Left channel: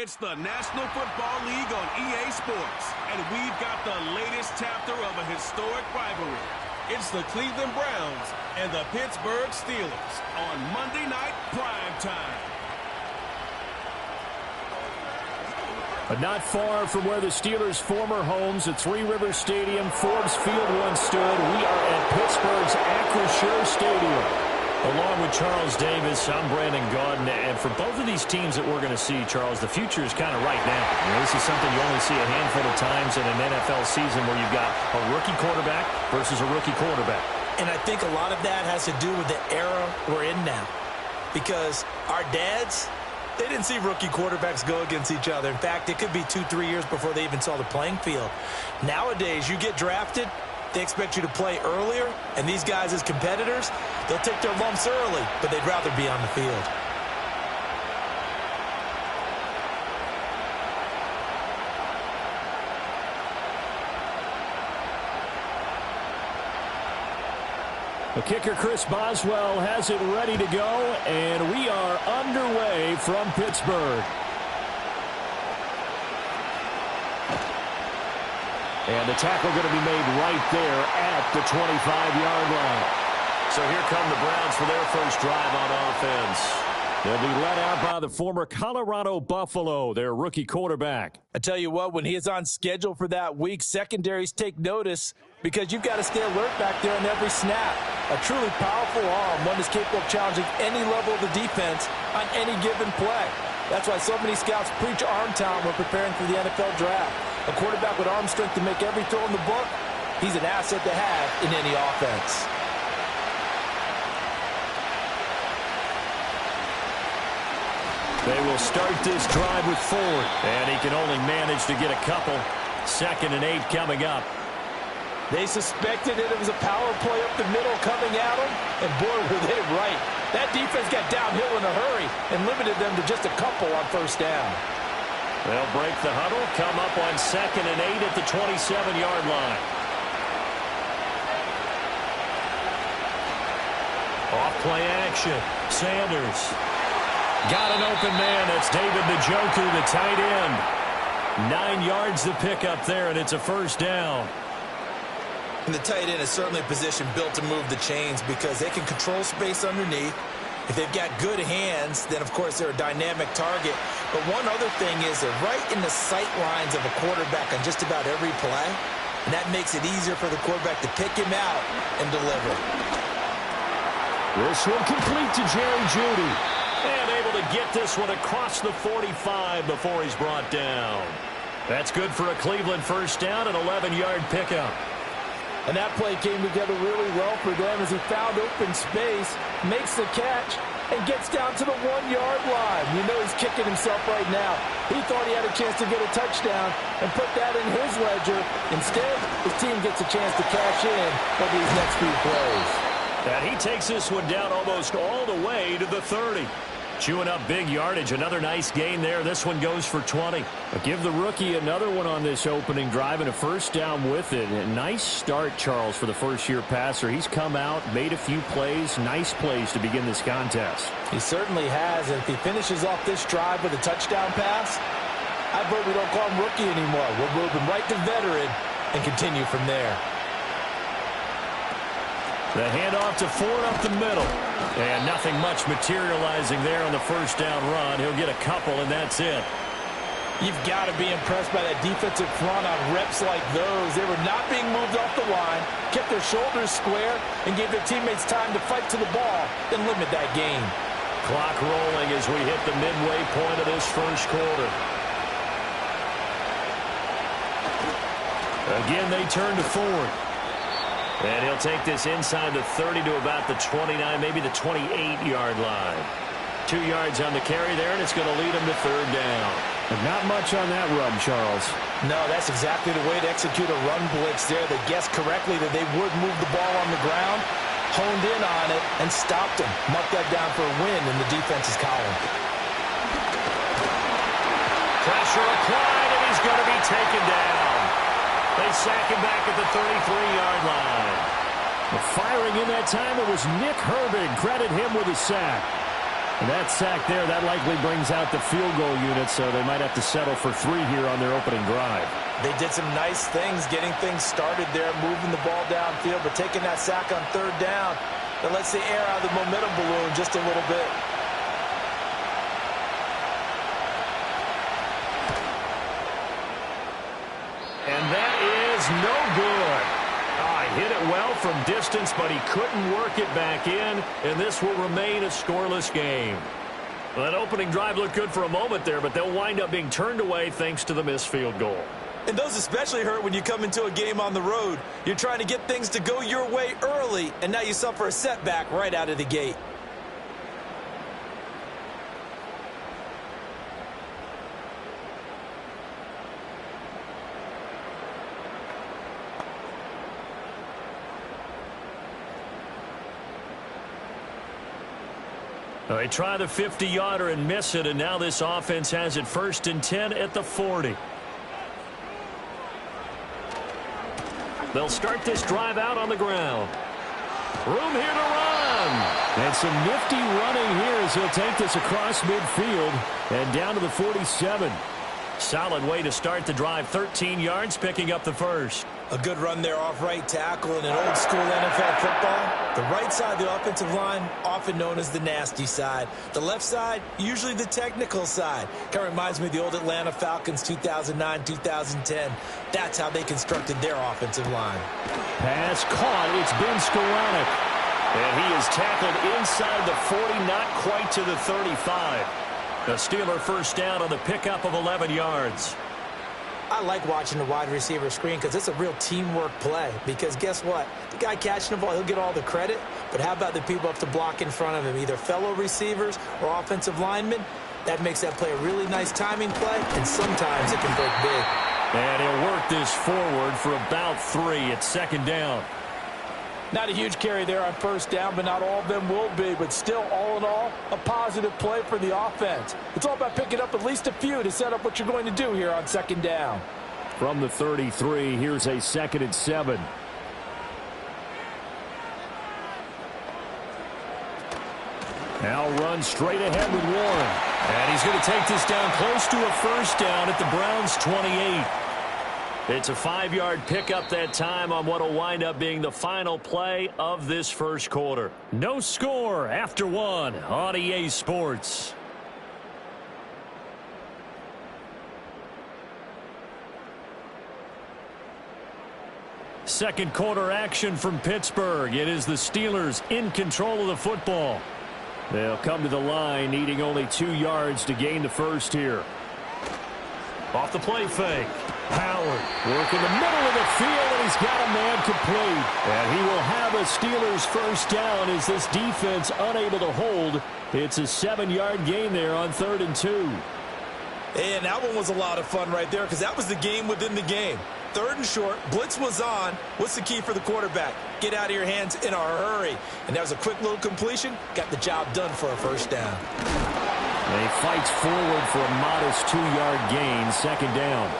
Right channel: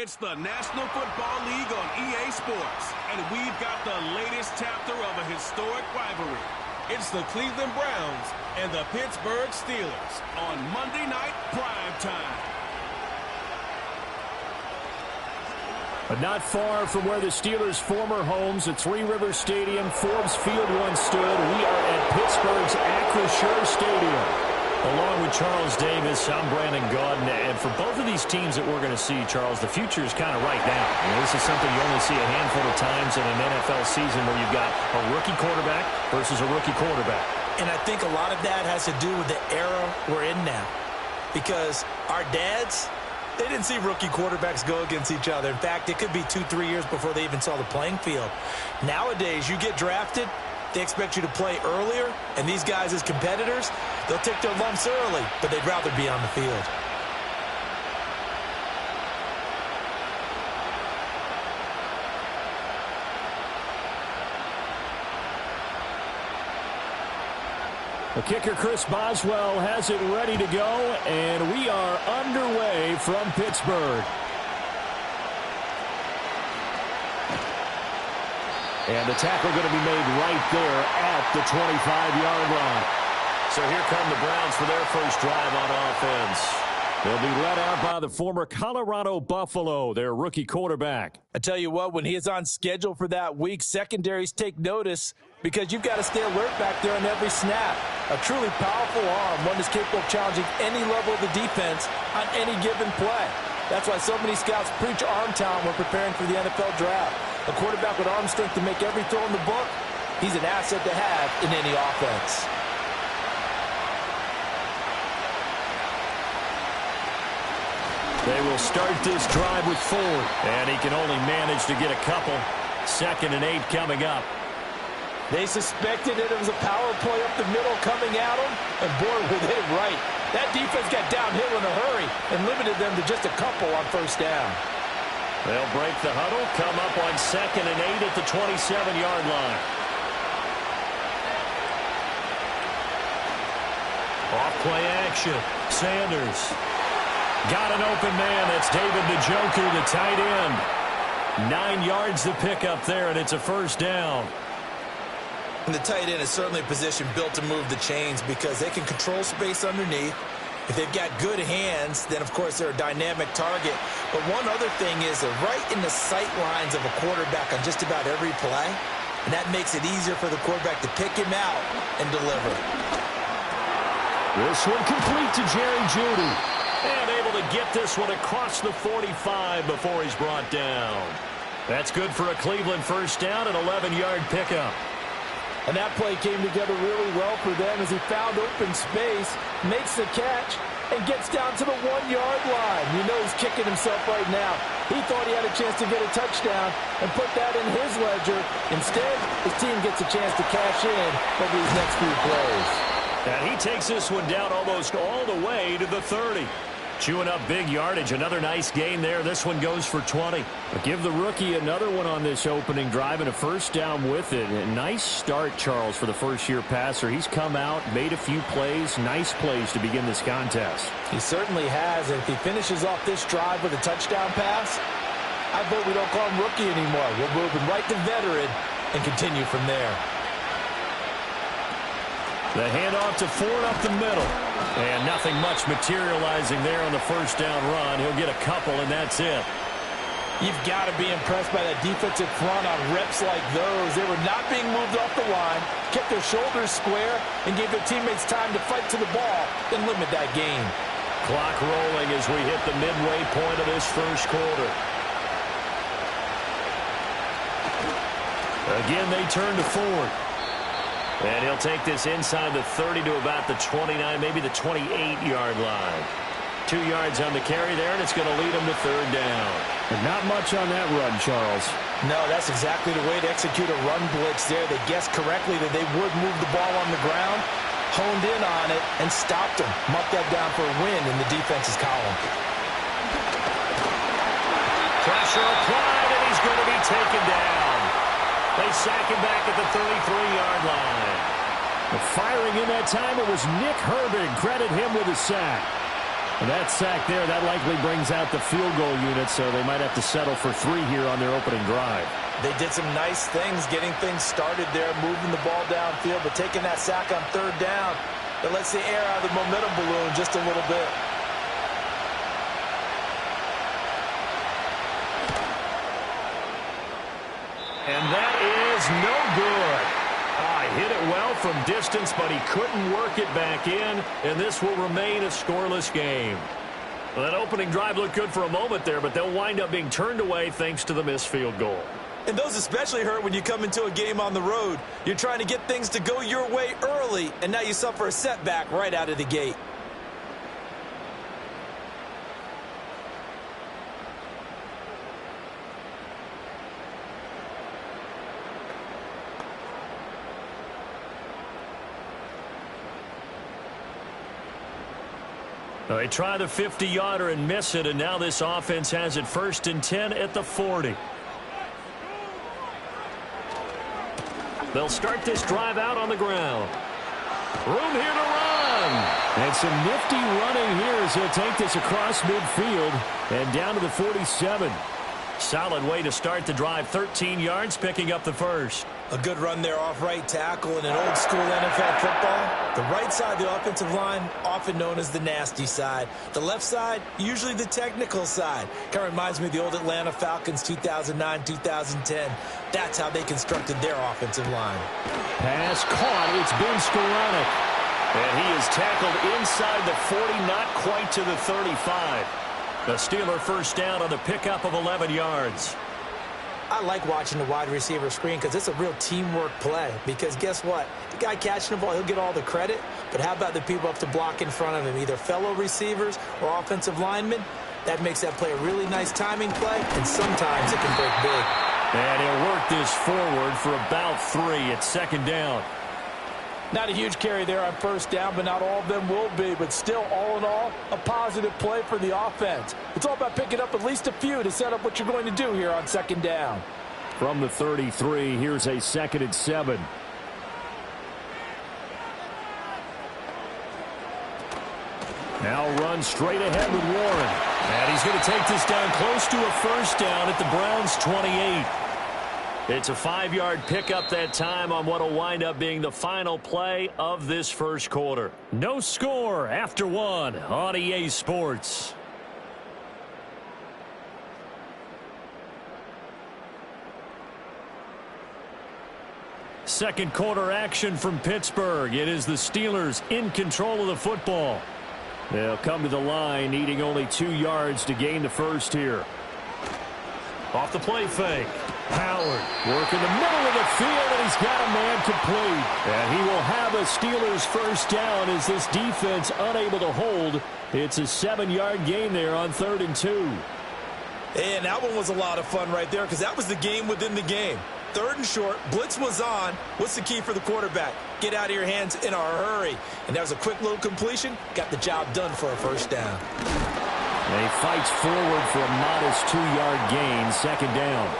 It's the National Football League on EA Sports, and we've got the latest chapter of a historic rivalry. It's the Cleveland Browns and the Pittsburgh Steelers on Monday Night Prime Time. But not far from where the Steelers' former homes at Three Rivers Stadium, Forbes Field once stood, we are at Pittsburgh's Acrisure Stadium. Along with Charles Davis, I'm Brandon Gaudin, and for both of these teams that we're going to see, Charles, the future is kind of right now. You know, this is something you only see a handful of times in an NFL season where you've got a rookie quarterback versus a rookie quarterback. And I think a lot of that has to do with the era we're in now. Because our dads, they didn't see rookie quarterbacks go against each other. In fact, it could be 2-3 years before they even saw the playing field. Nowadays, you get drafted, they expect you to play earlier, and these guys as competitors, they'll take their lumps early, but they'd rather be on the field. The kicker, Chris Boswell, has it ready to go, and we are underway from Pittsburgh. And the tackle going to be made right there at the 25-yard line. So here come the Browns for their first drive on offense. They'll be led out by the former Colorado Buffalo, their rookie quarterback. I tell you what, when he is on schedule for that week, secondaries take notice because you've got to stay alert back there on every snap. A truly powerful arm, one that's capable of challenging any level of the defense on any given play. That's why so many scouts preach arm talent when preparing for the NFL draft. A quarterback with arm strength to make every throw in the book, he's an asset to have in any offense. They will start this drive with Ford, and he can only manage to get a couple. 2nd and 8 coming up. They suspected that it was a power play up the middle coming at them, and boy, were they right. That defense got downhill in a hurry and limited them to just a couple on first down. They'll break the huddle, come up on 2nd and 8 at the 27-yard line. Off play action. Sanders. Got an open man. That's David Njoku, the tight end. 9 yards to pick up there, and it's a first down. And the tight end is certainly a position built to move the chains because they can control space underneath. If they've got good hands, then, of course, they're a dynamic target. But one other thing is they're right in the sight lines of a quarterback on just about every play. And that makes it easier for the quarterback to pick him out and deliver. This one complete to Jerry Jeudy. And able to get this one across the 45 before he's brought down. That's good for a Cleveland first down, an 11-yard pickup. And that play came together really well for them as he found open space, makes the catch, and gets down to the 1-yard line. You know he's kicking himself right now. He thought he had a chance to get a touchdown and put that in his ledger. Instead, his team gets a chance to cash in over these next few plays. And he takes this one down almost all the way to the 30. Chewing up big yardage. Another nice gain there. This one goes for 20. But give the rookie another one on this opening drive and a first down with it. A nice start, Charles, for the first-year passer. He's come out, made a few plays, nice plays to begin this contest. He certainly has. And if he finishes off this drive with a touchdown pass, I vote we don't call him rookie anymore. We'll move him right to veteran and continue from there. The handoff to Ford up the middle. And nothing much materializing there on the first down run. He'll get a couple, and that's it. You've got to be impressed by that defensive front on reps like those. They were not being moved off the line, kept their shoulders square, and gave their teammates time to fight to the ball and limit that gain. Clock rolling as we hit the midway point of this first quarter. Again, they turn to Ford. And he'll take this inside the 30 to about the 29, maybe the 28-yard line. 2 yards on the carry there, and it's going to lead him to third down. And not much on that run, Charles. No, that's exactly the way to execute a run blitz there. They guessed correctly that they would move the ball on the ground, honed in on it, and stopped him. Marked that down for a win in the defense's column. Pressure applied, and he's going to be taken down. They sack him back at the 33-yard line. Firing in that time, it was Nick Herbig. Credit him with a sack. And that sack there, that likely brings out the field goal unit, so they might have to settle for 3 here on their opening drive. They did some nice things getting things started there, moving the ball downfield, but taking that sack on 3rd down, that lets the air out of the momentum balloon just a little bit. And that is no good. Hit it well from distance, but he couldn't work it back in, and this will remain a scoreless game. Well, that opening drive looked good for a moment there, but they'll wind up being turned away thanks to the missed field goal. And those especially hurt when you come into a game on the road. You're trying to get things to go your way early, and now you suffer a setback right out of the gate. They try the 50-yarder and miss it, and now this offense has it 1st and 10 at the 40. They'll start this drive out on the ground. Room here to run. And some nifty running here as he'll take this across midfield and down to the 47. Solid way to start the drive. 13 yards, picking up the first. A good run there off right tackle in an old-school NFL football. The right side of the offensive line, often known as the nasty side. The left side, usually the technical side. Kind of reminds me of the old Atlanta Falcons 2009-2010. That's how they constructed their offensive line. Pass caught. It's Ben Skoranek. And he is tackled inside the 40, not quite to the 35. A Steeler first down on the pickup of 11 yards. I like watching the wide receiver screen because it's a real teamwork play. Because guess what? The guy catching the ball, he'll get all the credit. But how about the people up to block in front of him, either fellow receivers or offensive linemen? That makes that play a really nice timing play, and sometimes it can break big. And he'll work this forward for about 3 at 2nd down. Not a huge carry there on 1st down, but not all of them will be. But still, all in all, a positive play for the offense. It's all about picking up at least a few to set up what you're going to do here on 2nd down. From the 33, here's a 2nd and 7. Now run straight ahead with Warren. And he's going to take this down close to a 1st down at the Browns' 28. It's a 5-yard pickup that time on what will wind up being the final play of this first quarter. No score after 1 on EA Sports. Second quarter action from Pittsburgh. It is the Steelers in control of the football. They'll come to the line needing only 2 yards to gain the first here. Off the play fake. Howard working the middle of the field, and he's got a man complete. And he will have a Steelers first down as this defense unable to hold. It's a 7-yard gain there on 3rd and 2. And that one was a lot of fun right there because that was the game within the game. 3rd and short, blitz was on. What's the key for the quarterback? Get out of your hands in a hurry. And that was a quick little completion. Got the job done for a first down. And he fights forward for a modest 2-yard gain, 2nd down.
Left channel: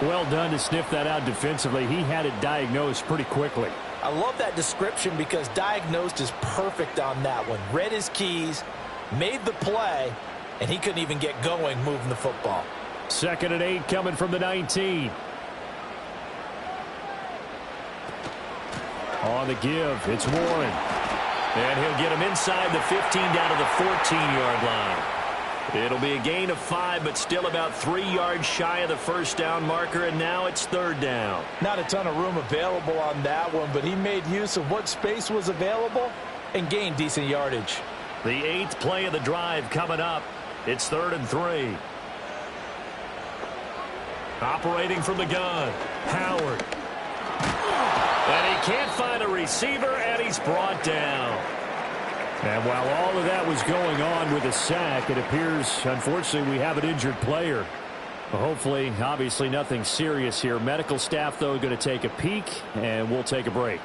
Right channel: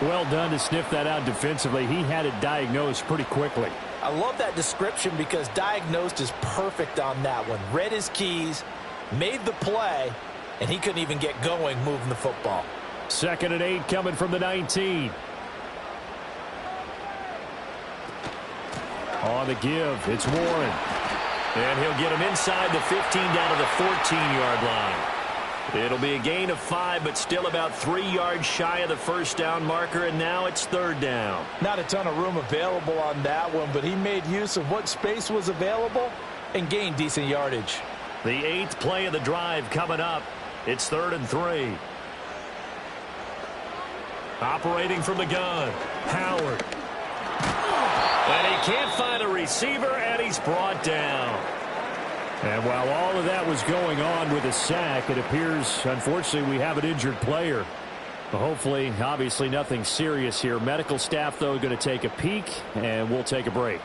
Well done to sniff that out defensively. He had it diagnosed pretty quickly. I love that description because diagnosed is perfect on that one. Read his keys, made the play, and he couldn't even get going moving the football. 2nd and 8 coming from the 19. On the give, it's Warren. And he'll get him inside the 15 down to the 14-yard line. It'll be a gain of 5, but still about 3 yards shy of the first down marker, and now it's 3rd down. Not a ton of room available on that one, but he made use of what space was available and gained decent yardage. The 8th play of the drive coming up. It's 3rd and 3. Operating from the gun, Howard. And he can't find a receiver, and he's brought down. And while all of that was going on with a sack, it appears, unfortunately, we have an injured player. Hopefully, obviously, nothing serious here. Medical staff, though, going to take a peek, and we'll take a break.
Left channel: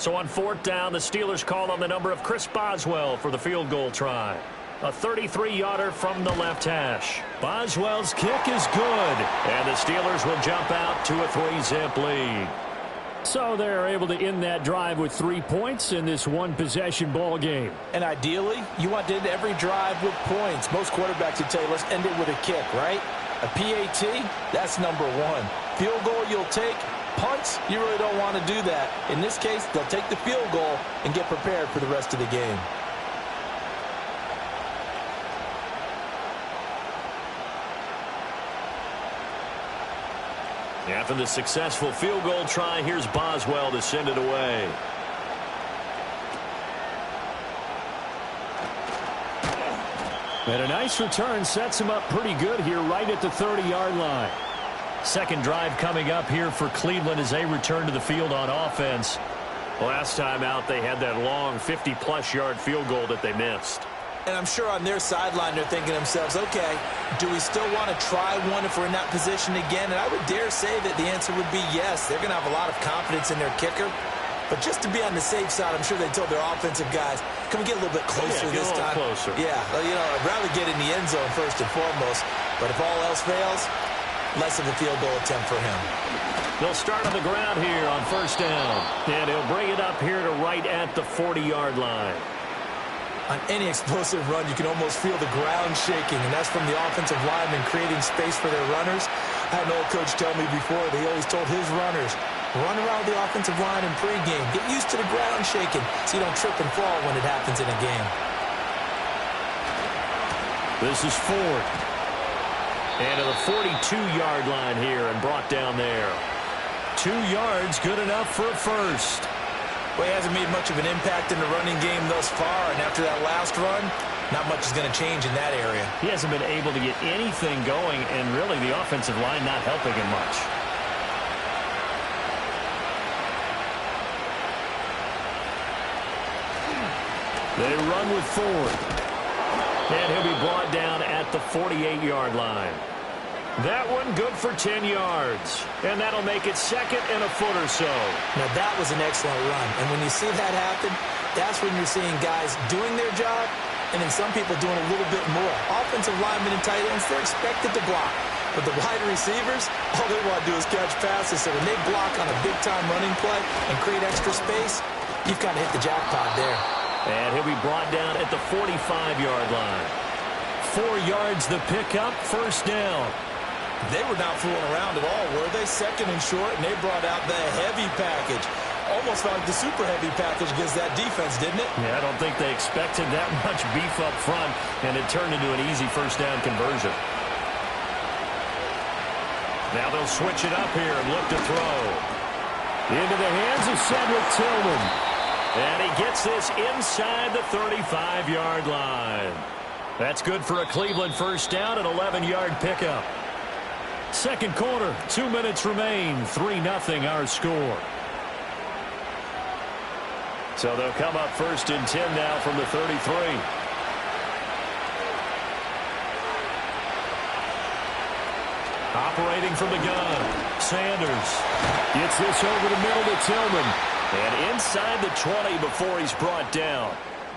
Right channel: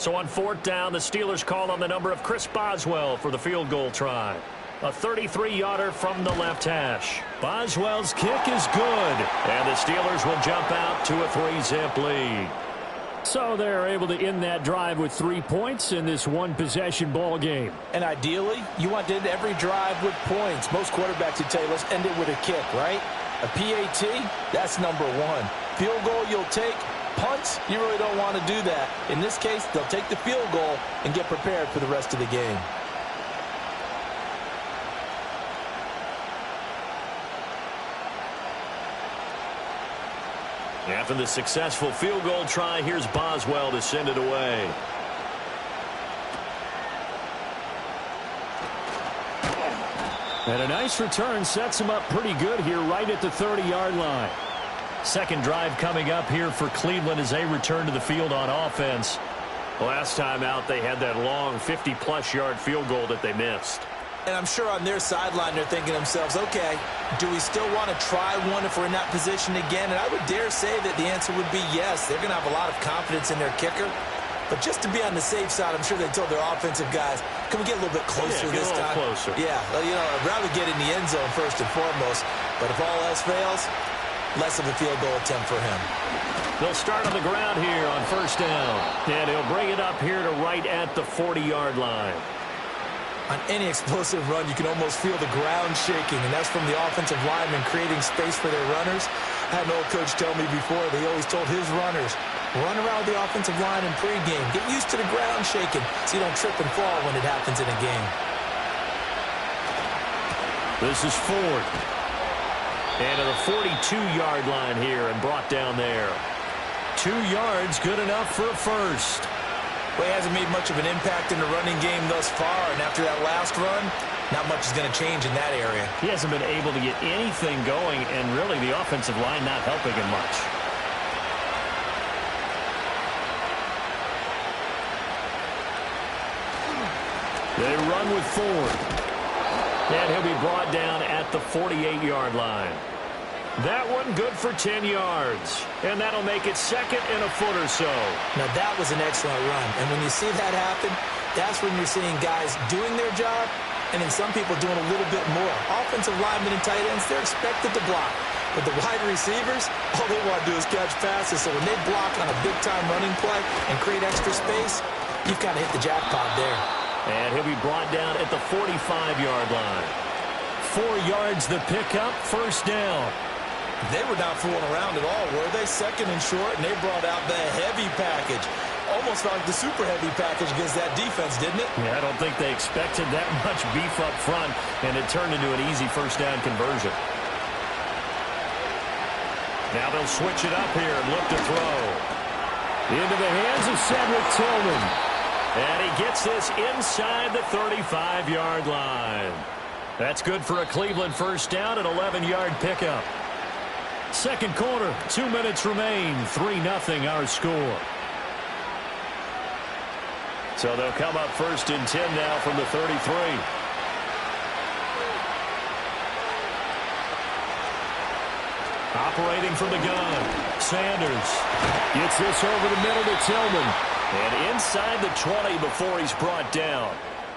So on fourth down, the Steelers call on the number of Chris Boswell for the field goal try. A 33-yarder from the left hash. Boswell's kick is good. And the Steelers will jump out to a 3-zip lead. So they're able to end that drive with 3 points in this one-possession ball game. And ideally, you want to end every drive with points. Most quarterbacks would tell you, let's end it with a kick, right? A PAT, that's number one. Field goal you'll take. Punts, you really don't want to do that. In this case, they'll take the field goal and get prepared for the rest of the game. After the successful field goal try, here's Boswell to send it away. And a nice return sets him up pretty good here right at the 30-yard line. Second drive coming up here for Cleveland as they return to the field on offense. Last time out, they had that long 50-plus yard field goal that they missed. And I'm sure on their sideline they're thinking to themselves, okay, do we still want to try one if we're in that position again? And I would dare say that the answer would be yes. They're going to have a lot of confidence in their kicker. But just to be on the safe side, I'm sure they told their offensive guys, can we get a little bit closer this time? Closer. Yeah, you know, I'd rather get in the end zone first and foremost. But if all else fails, less of a field goal attempt for him. They'll start on the ground here on first down. And he'll bring it up here to right at the 40-yard line. On any explosive run, you can almost feel the ground shaking, and that's from the offensive linemen creating space for their runners. I had an old coach tell me before, they always told his runners, run around the offensive line in pregame. Get used to the ground shaking so you don't trip and fall when it happens in a game. This is Ford. And to the 42-yard line here and brought down there. 2 yards, good enough for a first. Well, he hasn't made much of an impact in the running game thus far, and after that last run, not much is going to change in that area. He hasn't been able to get anything going, and really the offensive line not helping him much. They run with Ford. And he'll be brought down at the 48-yard line. That one good for 10 yards. And that'll make it second and a foot or so. Now, that was an excellent run. And when you see that happen, that's when you're seeing guys doing their job and then some people doing a little bit more. Offensive linemen and tight ends, they're expected to block. But the wide receivers, all they want to do is catch passes. So when they block on a big-time running play and create extra space, you've kind of hit the jackpot there. And he'll be brought down at the 45-yard line. 4 yards the pickup, first down. They were not fooling around at all, were they? Second and short, and they brought out the heavy package. Almost like the super heavy package against that defense, didn't it? Yeah, I don't think they expected that much beef up front, and it turned into an easy first down conversion. Now they'll switch it up here and look to throw. Into the hands of Cedric Tillman. And he gets this inside the 35-yard line. That's good for a Cleveland first down, an 11-yard pickup. Second quarter, 2 minutes remain, 3-0 our score. So they'll come up first and 10 now from the 33. Operating from the gun, Sanders gets this over the middle to Tillman. And inside the 20 before he's brought down.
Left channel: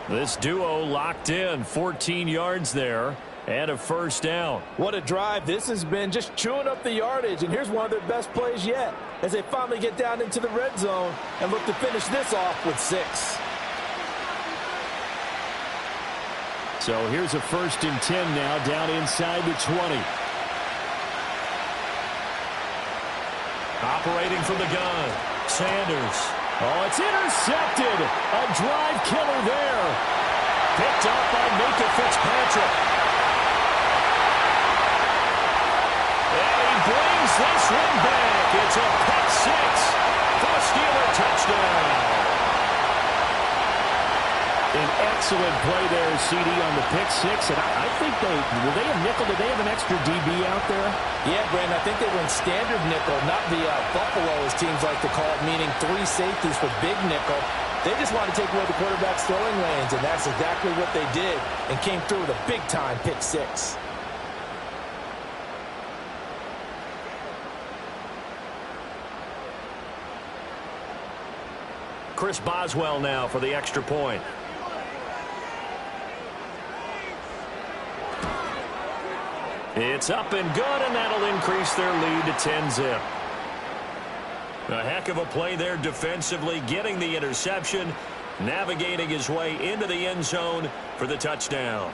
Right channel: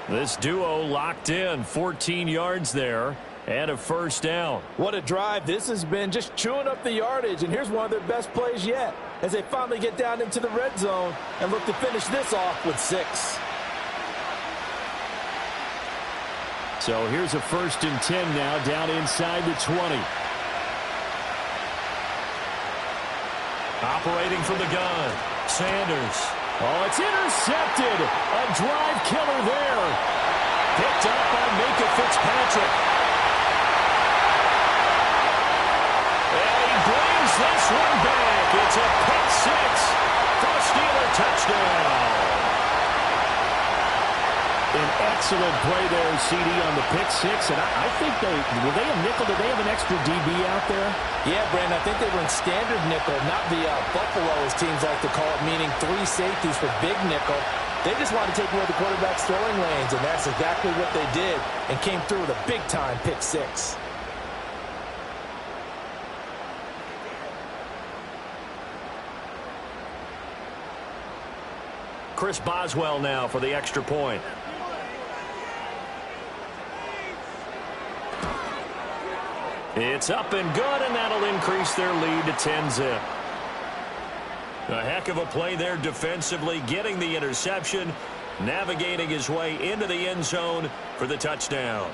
This duo locked in, 14 yards there. And a first down. What a drive this has been, just chewing up the yardage. And here's one of their best plays yet as they finally get down into the red zone and look to finish this off with 6. So here's a first and 10 now down inside the 20. Operating from the gun, Sanders. Oh, it's intercepted. A drive killer there. Picked up by Minka Fitzpatrick. And he brings this one back. It's a pick 6 for a Steeler touchdown. An excellent play there, CD, on the pick 6. And I think were they a nickel? Did they have an extra DB out there? Yeah, Brandon, I think they were in standard nickel, not the Buffalo, as teams like to call it, meaning 3 safeties for big nickel. They just wanted to take away the quarterback's throwing lanes, and that's exactly what they did and came through with a big-time pick 6. Chris Boswell now for the extra point. It's up and good, and that'll increase their lead to 10-zip. A heck of a play there defensively, getting the interception, navigating his way into the end zone for the touchdown.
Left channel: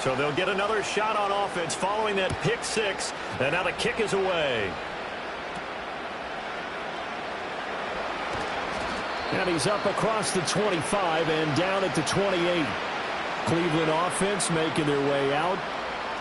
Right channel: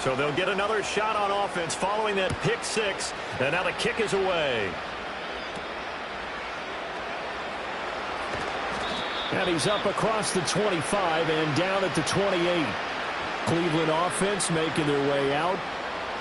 So they'll get another shot on offense following that pick six. And now the kick is away. And he's up across the 25 and down at the 28. Cleveland offense making their way out.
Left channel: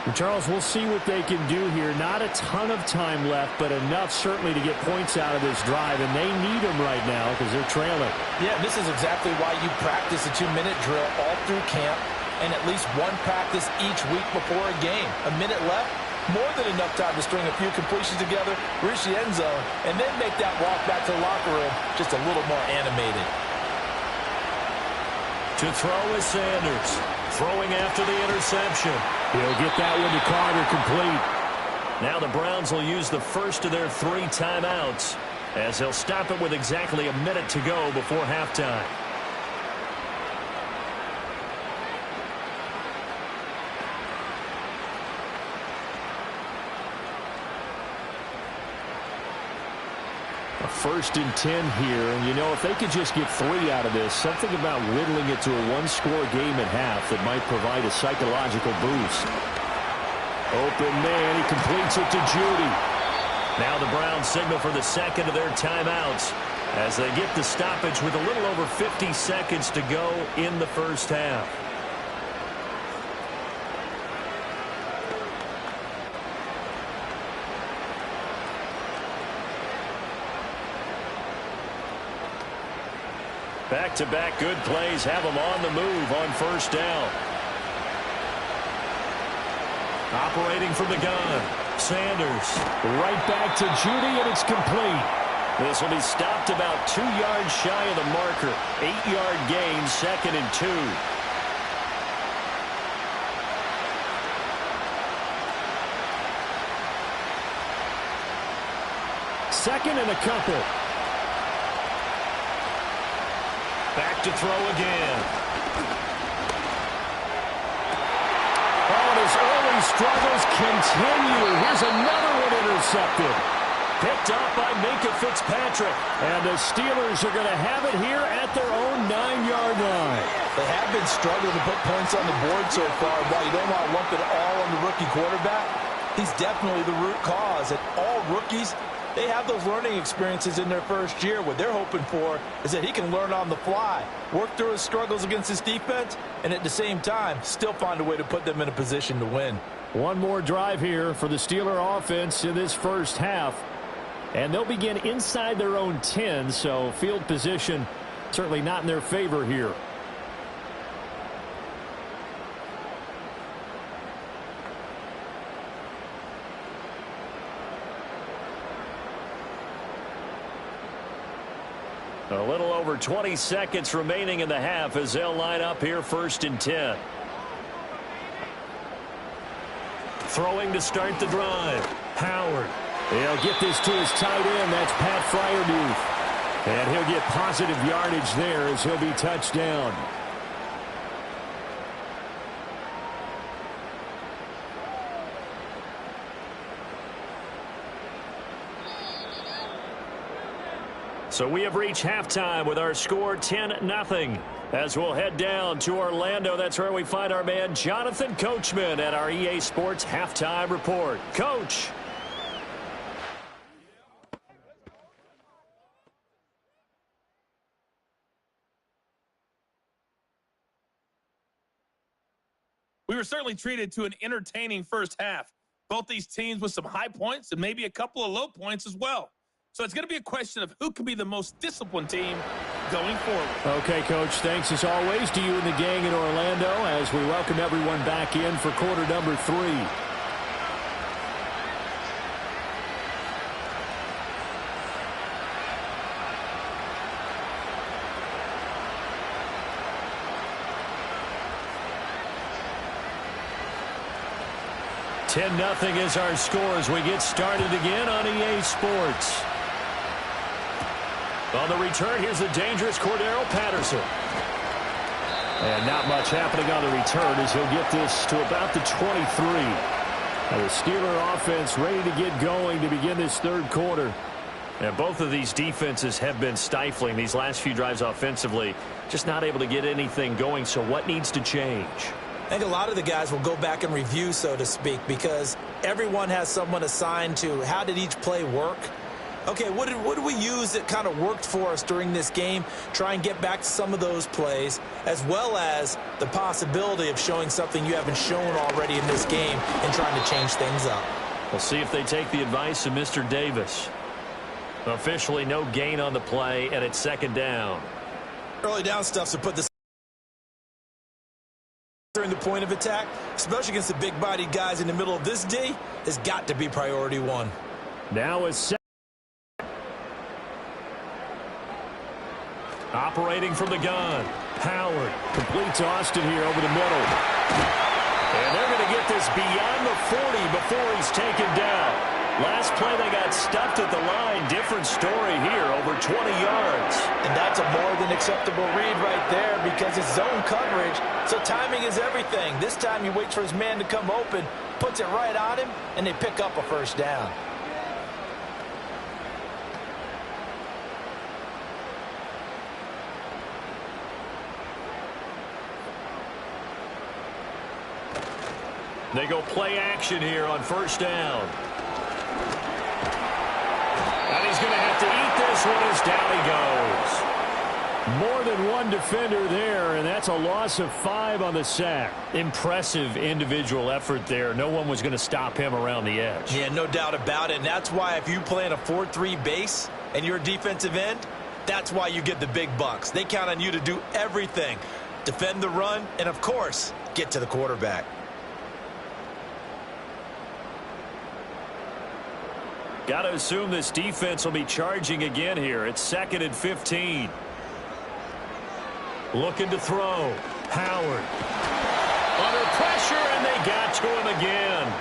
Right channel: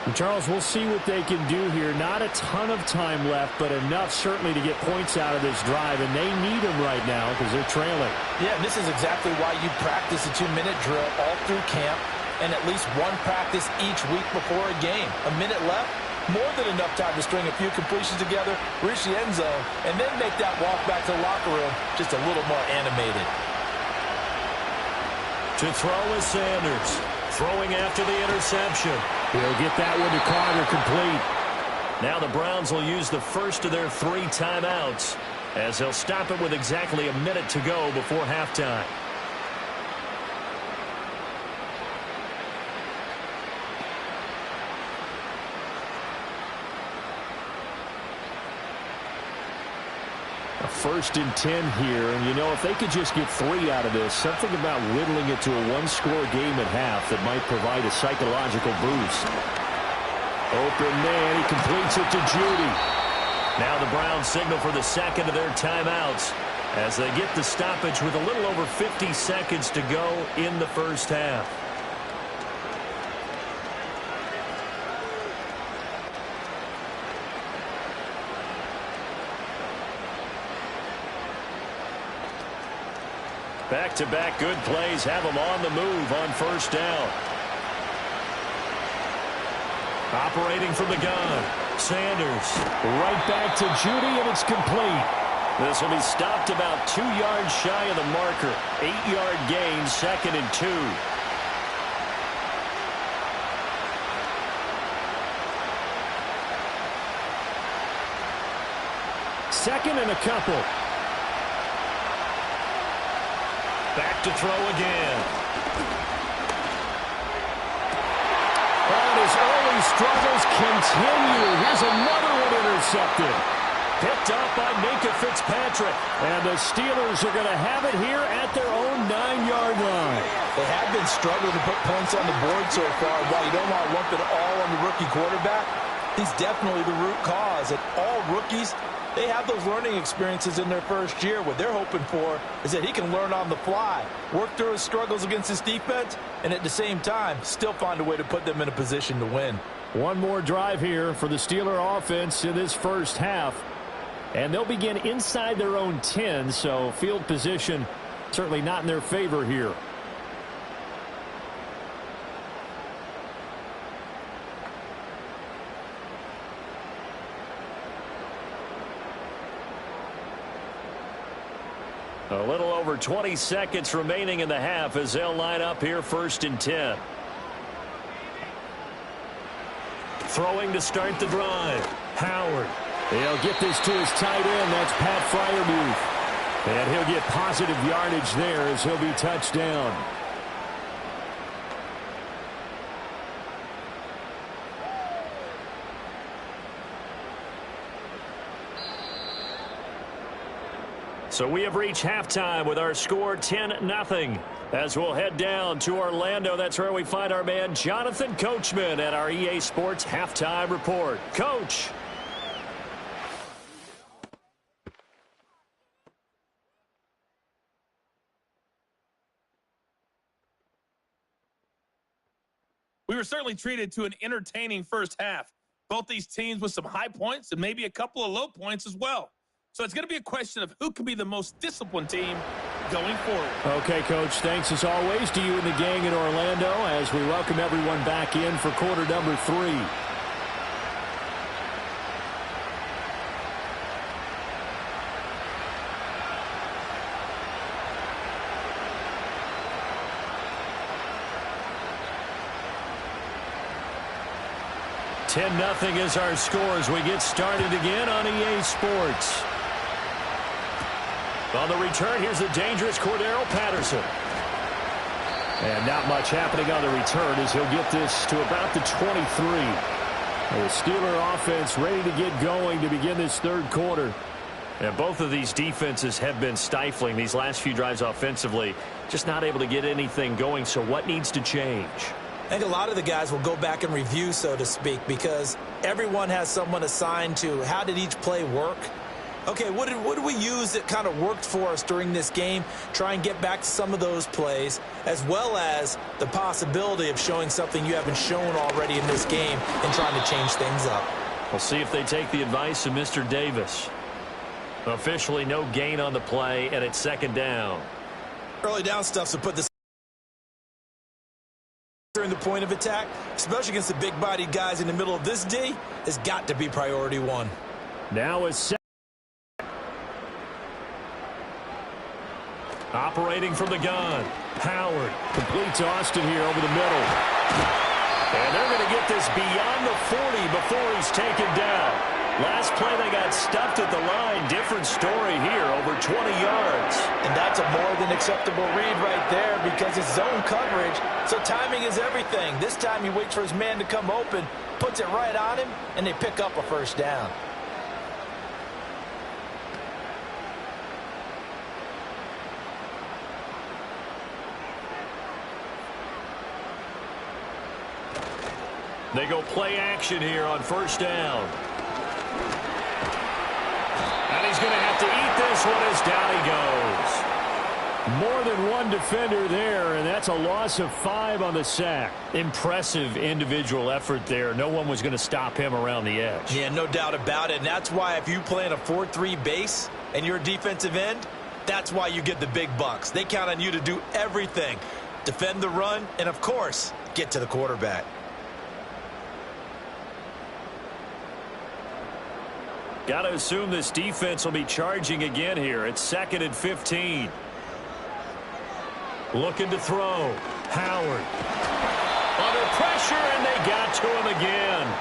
And Charles, we'll see what they can do here. Not a ton of time left, but enough certainly to get points out of this drive. And they need them right now because they're trailing. Yeah, this is exactly why you practice a 2-minute drill all through camp. And at least one practice each week before a game. A minute left, more than enough time to string a few completions together, reach the end zone, and then make that walk back to the locker room just a little more animated. To throw is Sanders. Throwing after the interception. He'll get that one to Carter complete. Now the Browns will use the first of their 3 timeouts as they'll stop it with exactly a minute to go before halftime. A 1st and 10 here, and you know, if they could just get 3 out of this, something about whittling it to a 1-score game at half that might provide a psychological boost. Open man, he completes it to Judy. Now the Browns signal for the second of their timeouts as they get the stoppage with a little over 50 seconds to go in the first half. Back-to-back good plays have them on the move on first down. Operating from the gun, Sanders. Right back to Judy, and it's complete. This will be stopped about 2 yards shy of the marker. 8-yard gain, 2nd and 2. Second and a couple. Back to throw again. Oh, and his early struggles continue. Here's another one intercepted. Picked up by Minka Fitzpatrick. And the Steelers are going to have it here at their own 9-yard line. They have been struggling to put points on the board so far. While you don't want to lump it all on the rookie quarterback, he's definitely the root cause. And all rookies, they have those learning experiences in their first year. What they're hoping for is that he can learn on the fly, work through his struggles against his defense, and at the same time, still find a way to put them in a position to win. One more drive here for the Steeler offense in this first half. And they'll begin inside their own 10, so field position certainly not in their favor here. A little over 20 seconds remaining in the half as they'll line up here 1st and 10. Throwing to start the drive. Howard. He'll get this to his tight end. That's Pat Freiermuth. And he'll get positive yardage there as he'll be touched down. So we have reached halftime with our score 10-0. As we'll head down to Orlando, that's where we find our man Jonathan Coachman at our EA Sports Halftime Report. Coach. We were certainly treated to an entertaining first half. Both these teams with some high points and maybe a couple of low points as well. So it's going to be a question of who can be the most disciplined team going forward. Okay, Coach, thanks as always to you and the gang in Orlando as we welcome everyone back in for quarter number 3. $10-0 is our score as we get started again on EA Sports. On the return, here's the dangerous Cordero Patterson. And not much happening on the return as he'll get this to about the 23. The Steeler offense ready to get going to begin this third quarter. And both of these defenses have been stifling these last few drives offensively. Just not able to get anything going, so what needs to change? I think a lot of the guys will go back and review, so to speak, because everyone has someone assigned to how did each play work. Okay, what did we use that kind of worked for us during this game? Try and get back to some of those plays, as well as the possibility of showing something you haven't shown already in this game and trying to change things up. We'll see if they take the advice of Mr. Davis. Officially no gain on the play, and it's second down. Early down stuff to put this during the point of attack, especially against the big-bodied guys in the middle of this D, has got to be priority one. Now is operating from the gun. Howard completes Austin here over the middle. And they're going to get this beyond the 40 before he's taken down. Last play they got stuffed at the line. Different story here, over 20 yards. And that's a more than acceptable read right there because it's zone coverage, so timing is everything. This time he waits for his man to come open, puts it right on him, and they pick up a first down. They go play action here on first down. And he's going to have to eat this one as down he goes. More than one defender there, and that's a loss of 5 on the sack. Impressive individual effort there. No one was going to stop him around the edge. Yeah, no doubt about it. And that's why if you play in a 4-3 base and you're a defensive end, that's why you get the big bucks. They count on you to do everything. Defend the run, and of course, get to the quarterback. Got to assume this defense will be charging again here. It's 2nd and 15. Looking to throw. Howard. Under pressure, and they got to him again.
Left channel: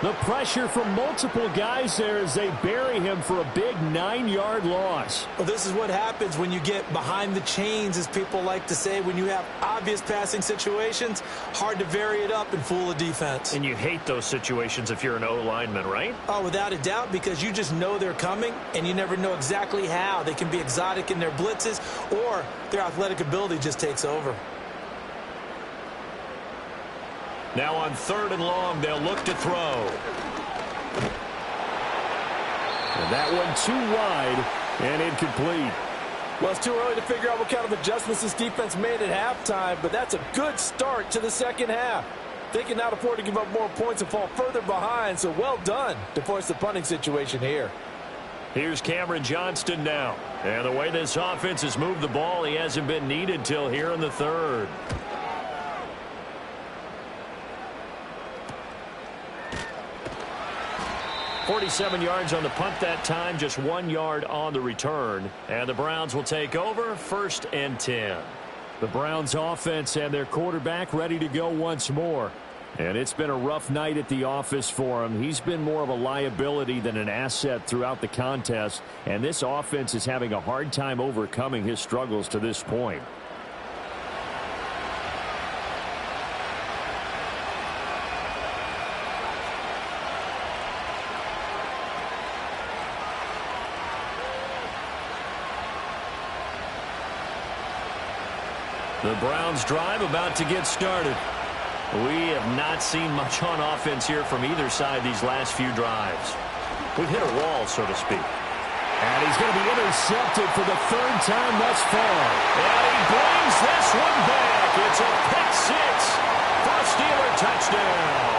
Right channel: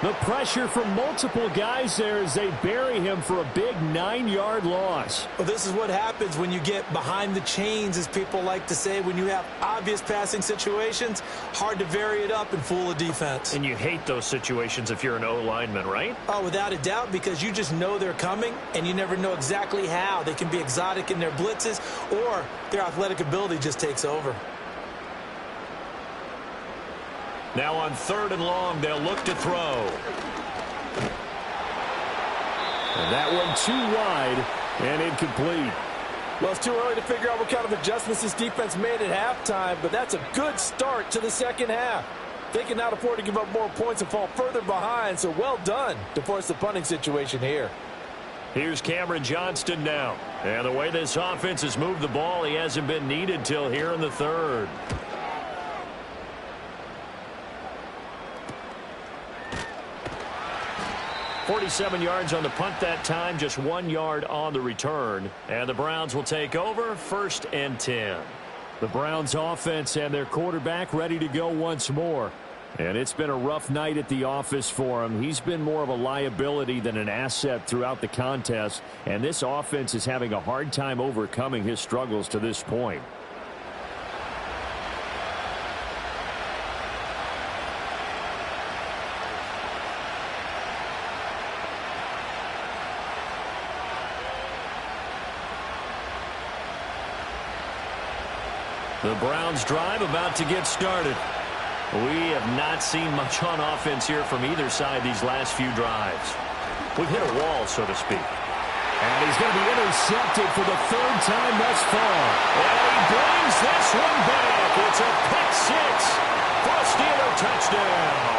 The pressure from multiple guys there as they bury him for a big 9-yard loss. Well, this is what happens when you get behind the chains, as people like to say. When you have obvious passing situations, hard to vary it up and fool a defense. And you hate those situations if you're an O-lineman, right? Oh, without a doubt, because you just know they're coming, and you never know exactly how. They can be exotic in their blitzes, or their athletic ability just takes over. Now on 3rd and long, they'll look to throw. And that one too wide and incomplete. Well, it's too early to figure out what kind of adjustments this defense made at halftime, but that's a good start to the second half. They cannot afford to give up more points and fall further behind, so well done to force the punting situation here. Here's Cameron Johnston now. And the way this offense has moved the ball, he hasn't been needed till here in the 3rd. 47 yards on the punt that time, just 1 yard on the return. And the Browns will take over, 1st and 10. The Browns offense and their quarterback ready to go once more. And it's been a rough night at the office for him. He's been more of a liability than an asset throughout the contest. And this offense is having a hard time overcoming his struggles to this point. The Browns drive about to get started. We have not seen much on offense here from either side these last few drives. We've hit a wall, so to speak. And he's going to be intercepted for the 3rd time thus far. And he brings this one back. It's a pick 6 for a Steeler touchdown.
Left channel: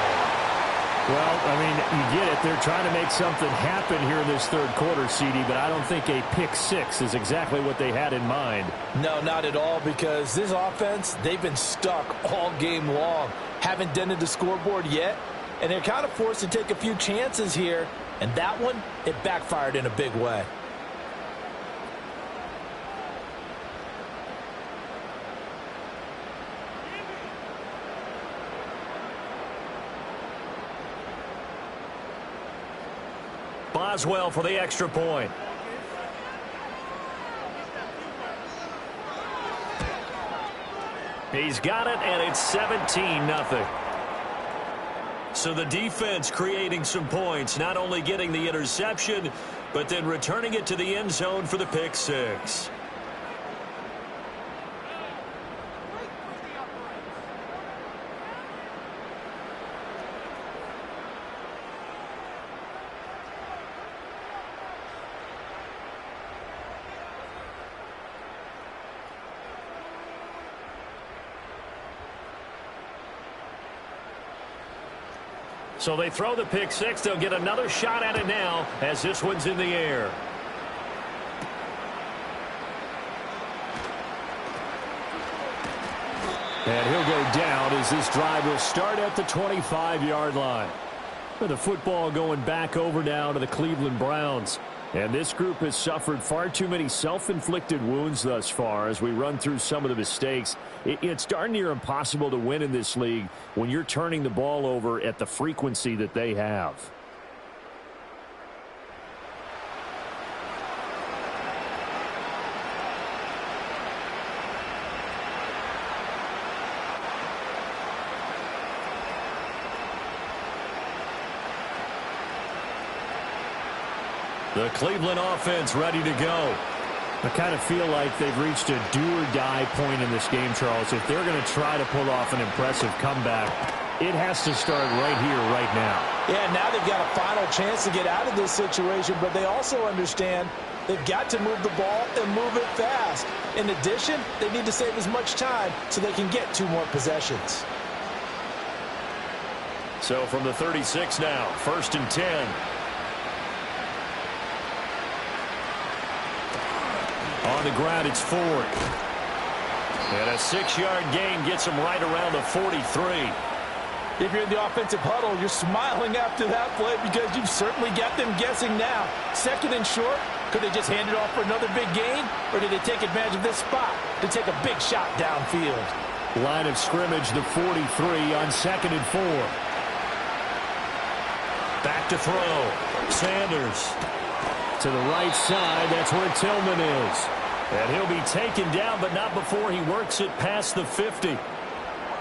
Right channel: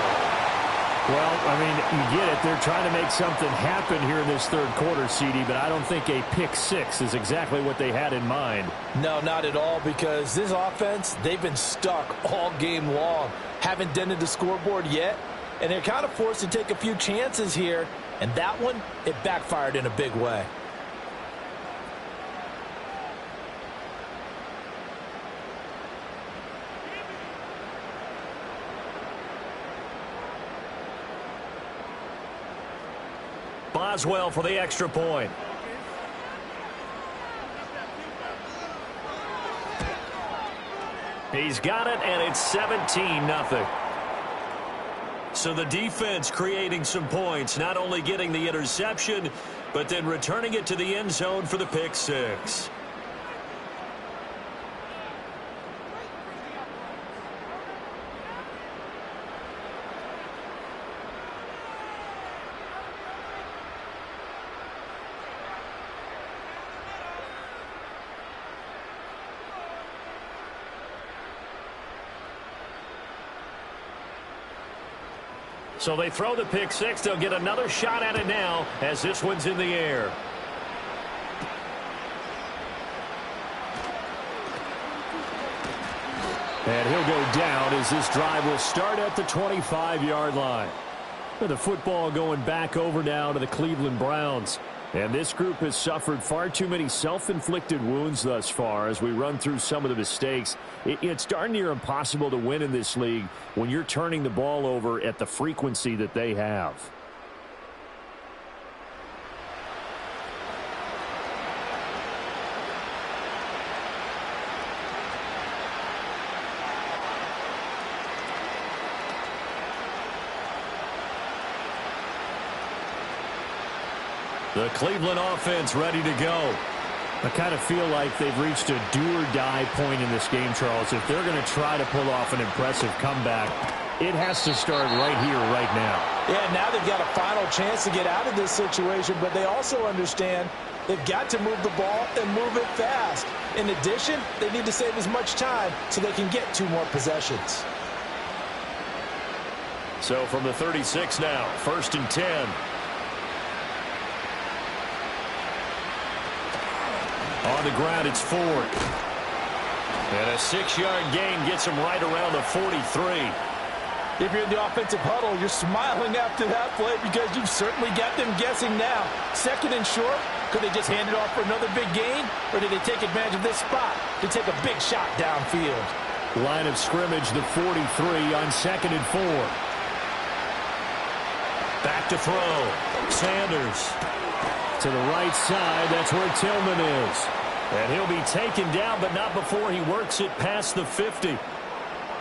Well, I mean, you get it. They're trying to make something happen here in this third quarter, CD, but I don't think a pick six is exactly what they had in mind. No, not at all, because this offense, they've been stuck all game long. Haven't dented the scoreboard yet, and they're kind of forced to take a few chances here, and that one, it backfired in a big way. Boswell for the extra point. He's got it, and it's 17-0. So the defense creating some points, not only getting the interception, but then returning it to the end zone for the pick six. So they throw the pick six. They'll get another shot at it now as this one's in the air. And he'll go down as this drive will start at the 25-yard line. The football going back over now to the Cleveland Browns. And this group has suffered far too many self-inflicted wounds thus far as we run through some of the mistakes. It's darn near impossible to win in this league when you're turning the ball over at the frequency that they have. The Cleveland offense ready to go. I kind of feel like they've reached a do-or-die point in this game, Charles. If they're going to try to pull off an impressive comeback, it has to start right here, right now. Yeah, now they've got a final chance to get out of this situation, but they also understand they've got to move the ball and move it fast. In addition, they need to save as much time so they can get 2 more possessions. So from the 36 now, 1st and 10. On the ground, it's Ford. And a 6-yard gain gets him right around the 43. If you're in the offensive huddle, you're smiling after that play because you've certainly got them guessing now. 2nd and short, could they just hand it off for another big gain? Or did they take advantage of this spot to take a big shot downfield? Line of scrimmage, the 43 on 2nd and 4. Back to throw. Sanders. To the right side, that's where Tillman is. And he'll be taken down, but not before he works it past the 50.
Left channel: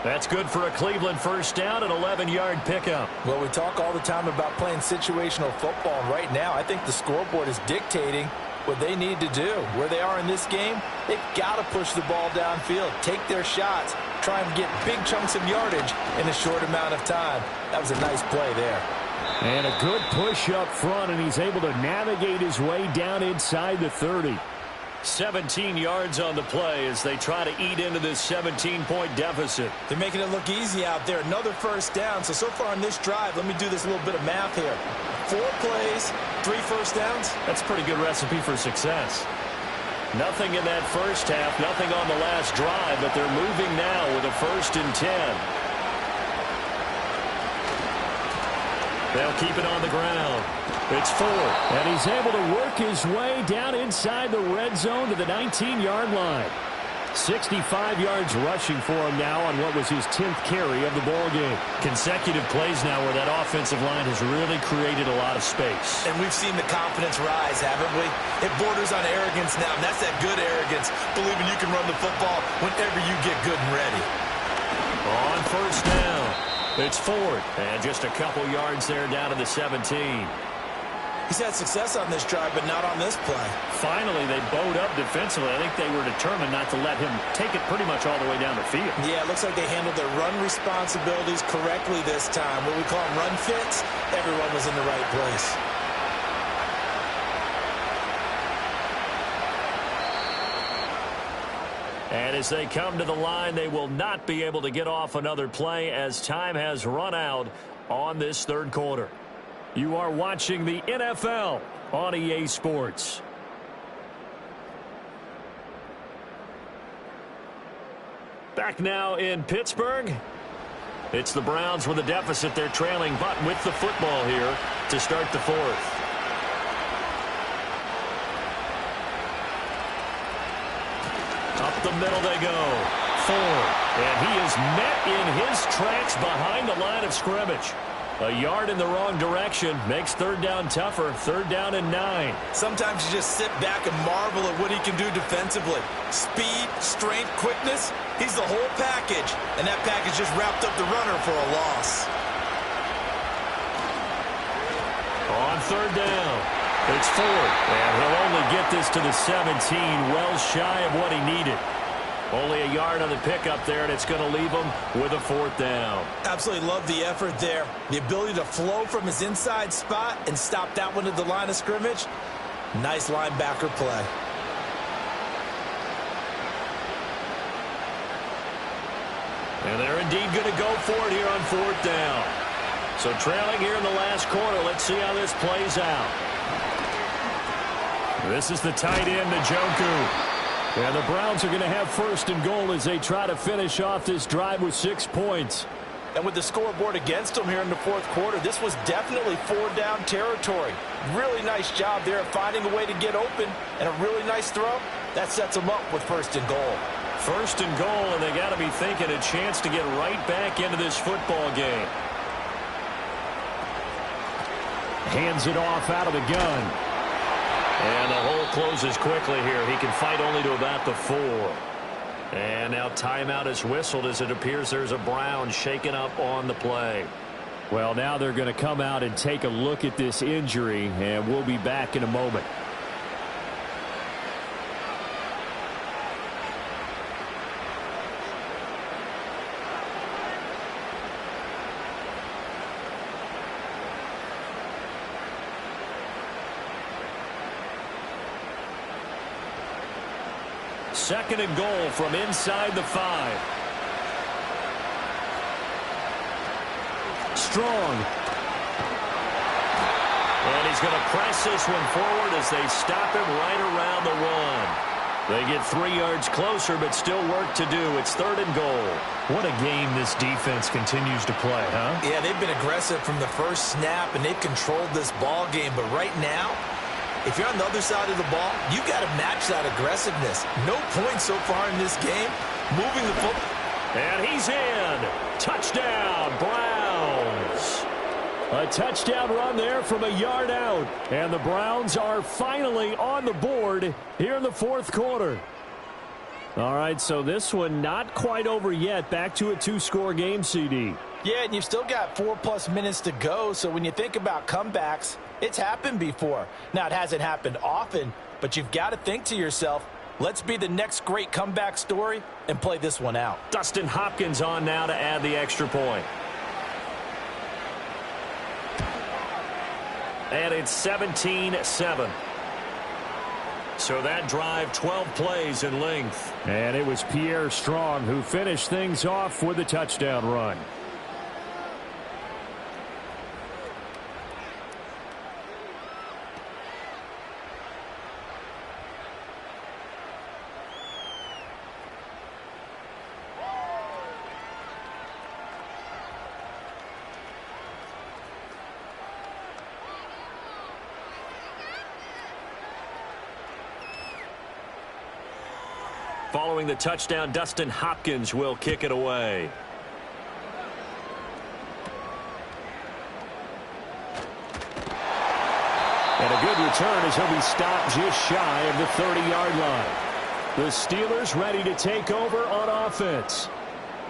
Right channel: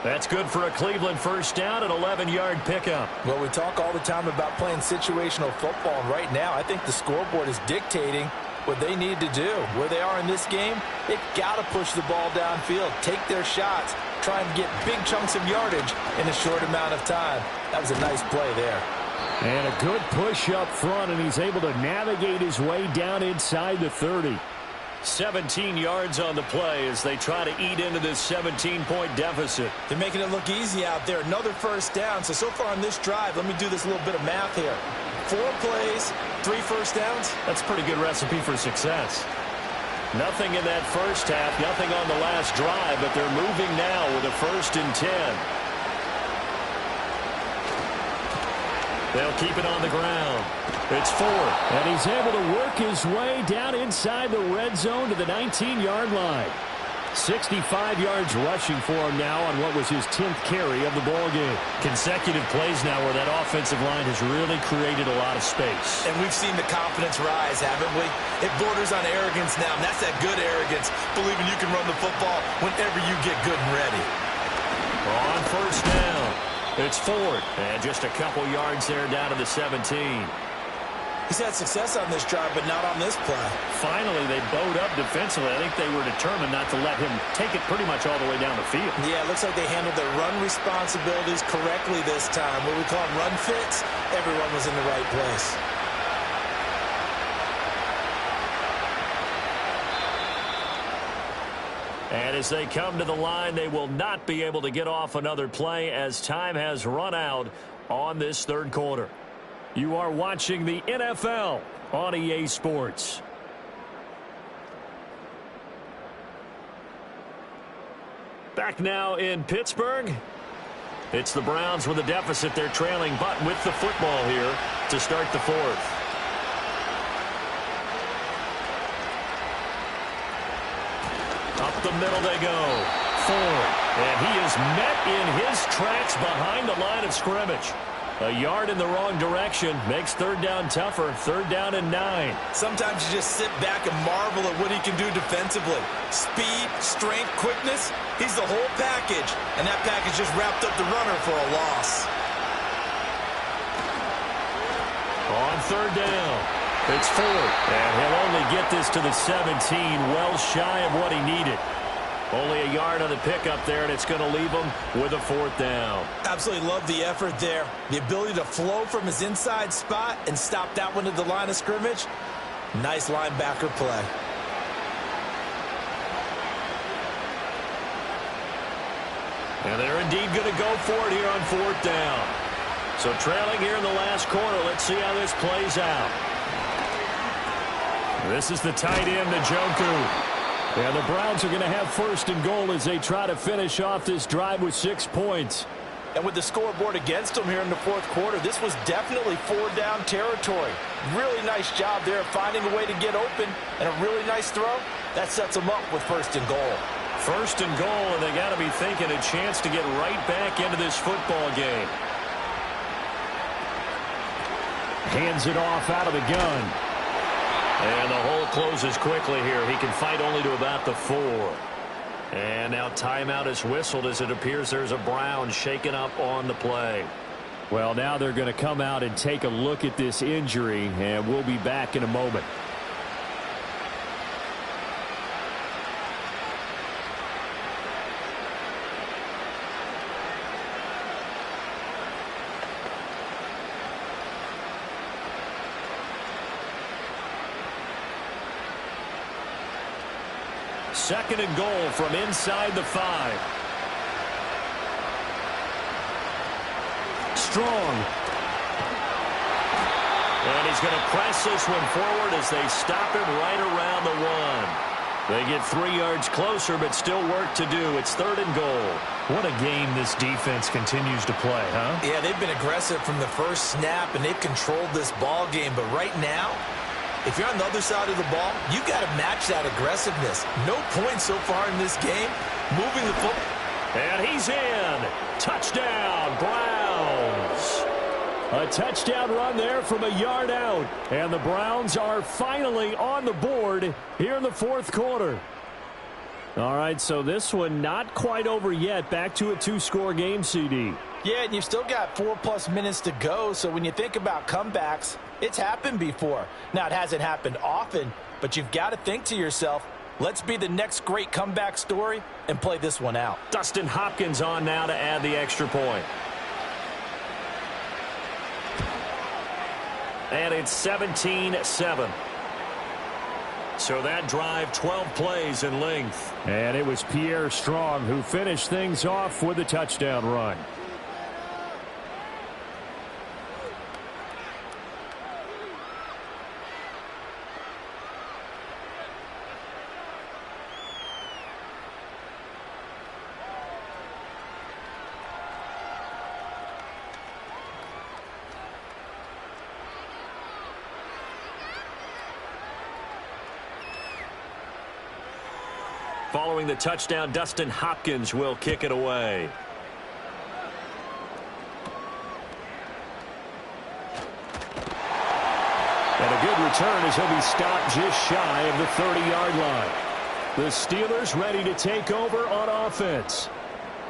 That's good for a Cleveland first down, an 11-yard pickup. Well, we talk all the time about playing situational football, and right now I think the scoreboard is dictating what they need to do. Where they are in this game, they've got to push the ball downfield, take their shots, try and get big chunks of yardage in a short amount of time. That was a nice play there. And a good push up front, and he's able to navigate his way down inside the 30. 17 yards on the play as they try to eat into this 17-point deficit. They're making it look easy out there. Another first down. So far on this drive, let me do this little bit of math here. 4 plays, 3 first downs. That's a pretty good recipe for success. Nothing in that first half, nothing on the last drive, but they're moving now with a 1st and 10. They'll keep it on the ground. It's Ford. And he's able to work his way down inside the red zone to the 19-yard line. 65 yards rushing for him now on what was his 10th carry of the ball game. Consecutive plays now where that offensive line has really created a lot of space. And we've seen the confidence rise, haven't we? It borders on arrogance now, and that's that good arrogance, believing you can run the football whenever you get good and ready. On 1st down. It's Ford, and just a couple yards there down to the 17. He's had success on this drive, but not on this play. Finally, they bowed up defensively. I think they were determined not to let him take it pretty much all the way down the field. Yeah, it looks like they handled their run responsibilities correctly this time. What we call them run fits, everyone was in the right place. And as they come to the line, they will not be able to get off another play as time has run out on this third quarter. You are watching the NFL on EA Sports. Back now in Pittsburgh. It's the Browns with a deficit. They're trailing, but with the football here to start the fourth. Up the middle they go. Ford. And he is met in his tracks behind the line of scrimmage. A yard in the wrong direction makes third down tougher. Third down and 9. Sometimes you just sit back and marvel at what he can do defensively. Speed, strength, quickness. He's the whole package. And that package just wrapped up the runner for a loss. On third down, it's Ford. And he'll only get this to the 17, well shy of what he needed. Only a yard on the pickup there, and it's going to leave him with a fourth down. Absolutely love the effort there. The ability to flow from his inside spot and stop that one at the line of scrimmage. Nice linebacker play. And they're indeed going to go for it here on fourth down. So trailing here in the last quarter. Let's see how this plays out. This is the tight end, Njoku. And the Browns are going to have first and goal as they try to finish off this drive with 6 points. And with the scoreboard against them here in the fourth quarter, this was definitely four-down territory. Really nice job there of finding a way to get open, and a really nice throw. That sets them up with first and goal. First and goal, and they got to be thinking a chance to get right back into this football game. Hands it off out of the gun. And the hole closes quickly here. He can fight only to about the 4. And now timeout is whistled as it appears there's a Brown shaken up on the play. Well, now they're going to come out and take a look at this injury, and we'll be back in a moment. Second and goal from inside the 5. Strong. And he's going to press this one forward as they stop him right around the 1. They get 3 yards closer, but still work to do. It's third and goal. What a game this defense continues to play, huh? Yeah, they've been aggressive from the first snap, and they've controlled this ball game. But right now, if you're on the other side of the ball, you've got to match that aggressiveness. No points so far in this game. Moving the football. And he's in. Touchdown, Browns. A touchdown run there from a yard out. And the Browns are finally on the board here in the fourth quarter. All right, so this one not quite over yet. Back to a 2-score game, CD. Yeah, and you've still got 4+ minutes to go. So when you think about comebacks, it's happened before. Now, it hasn't happened often, but you've got to think to yourself, let's be the next great comeback story and play this one out. Dustin Hopkins on now to add the extra point. And it's 17-7. So that drive, 12 plays in length. And it was Pierre Strong who finished things off with a touchdown run. Following the touchdown, Dustin Hopkins will kick it away. And a good return as he'll be stopped just shy of the 30-yard line. The Steelers ready to take over on offense.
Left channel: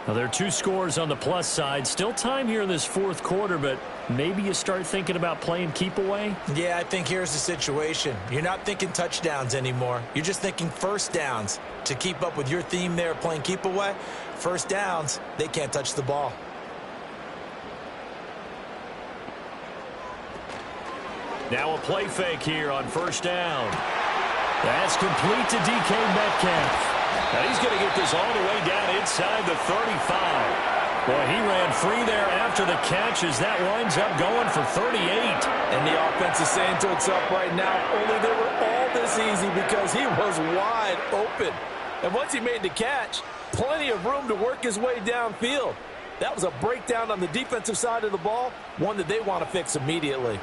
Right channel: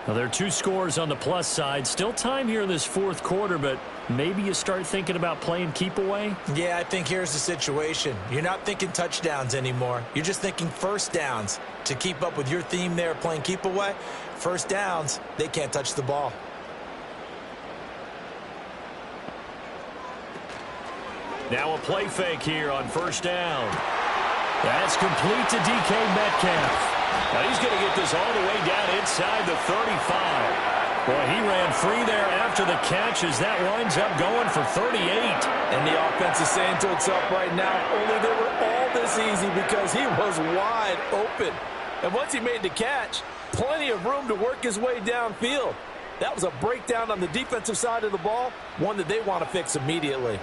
Now, there are 2 scores on the plus side. Still time here in this fourth quarter, but maybe you start thinking about playing keep away? Yeah, I think here's the situation. You're not thinking touchdowns anymore. You're just thinking first downs. To keep up with your theme there, playing keep away, first downs, they can't touch the ball. Now a play fake here on first down. That's complete to DK Metcalf. Now he's going to get this all the way down inside the 35. Boy, he ran free there after the catch as that winds up going for 38. And the offense is saying to itself right now, only they were all this easy because he was wide open. And once he made the catch, plenty of room to work his way downfield. That was a breakdown on the defensive side of the ball, one that they want to fix immediately.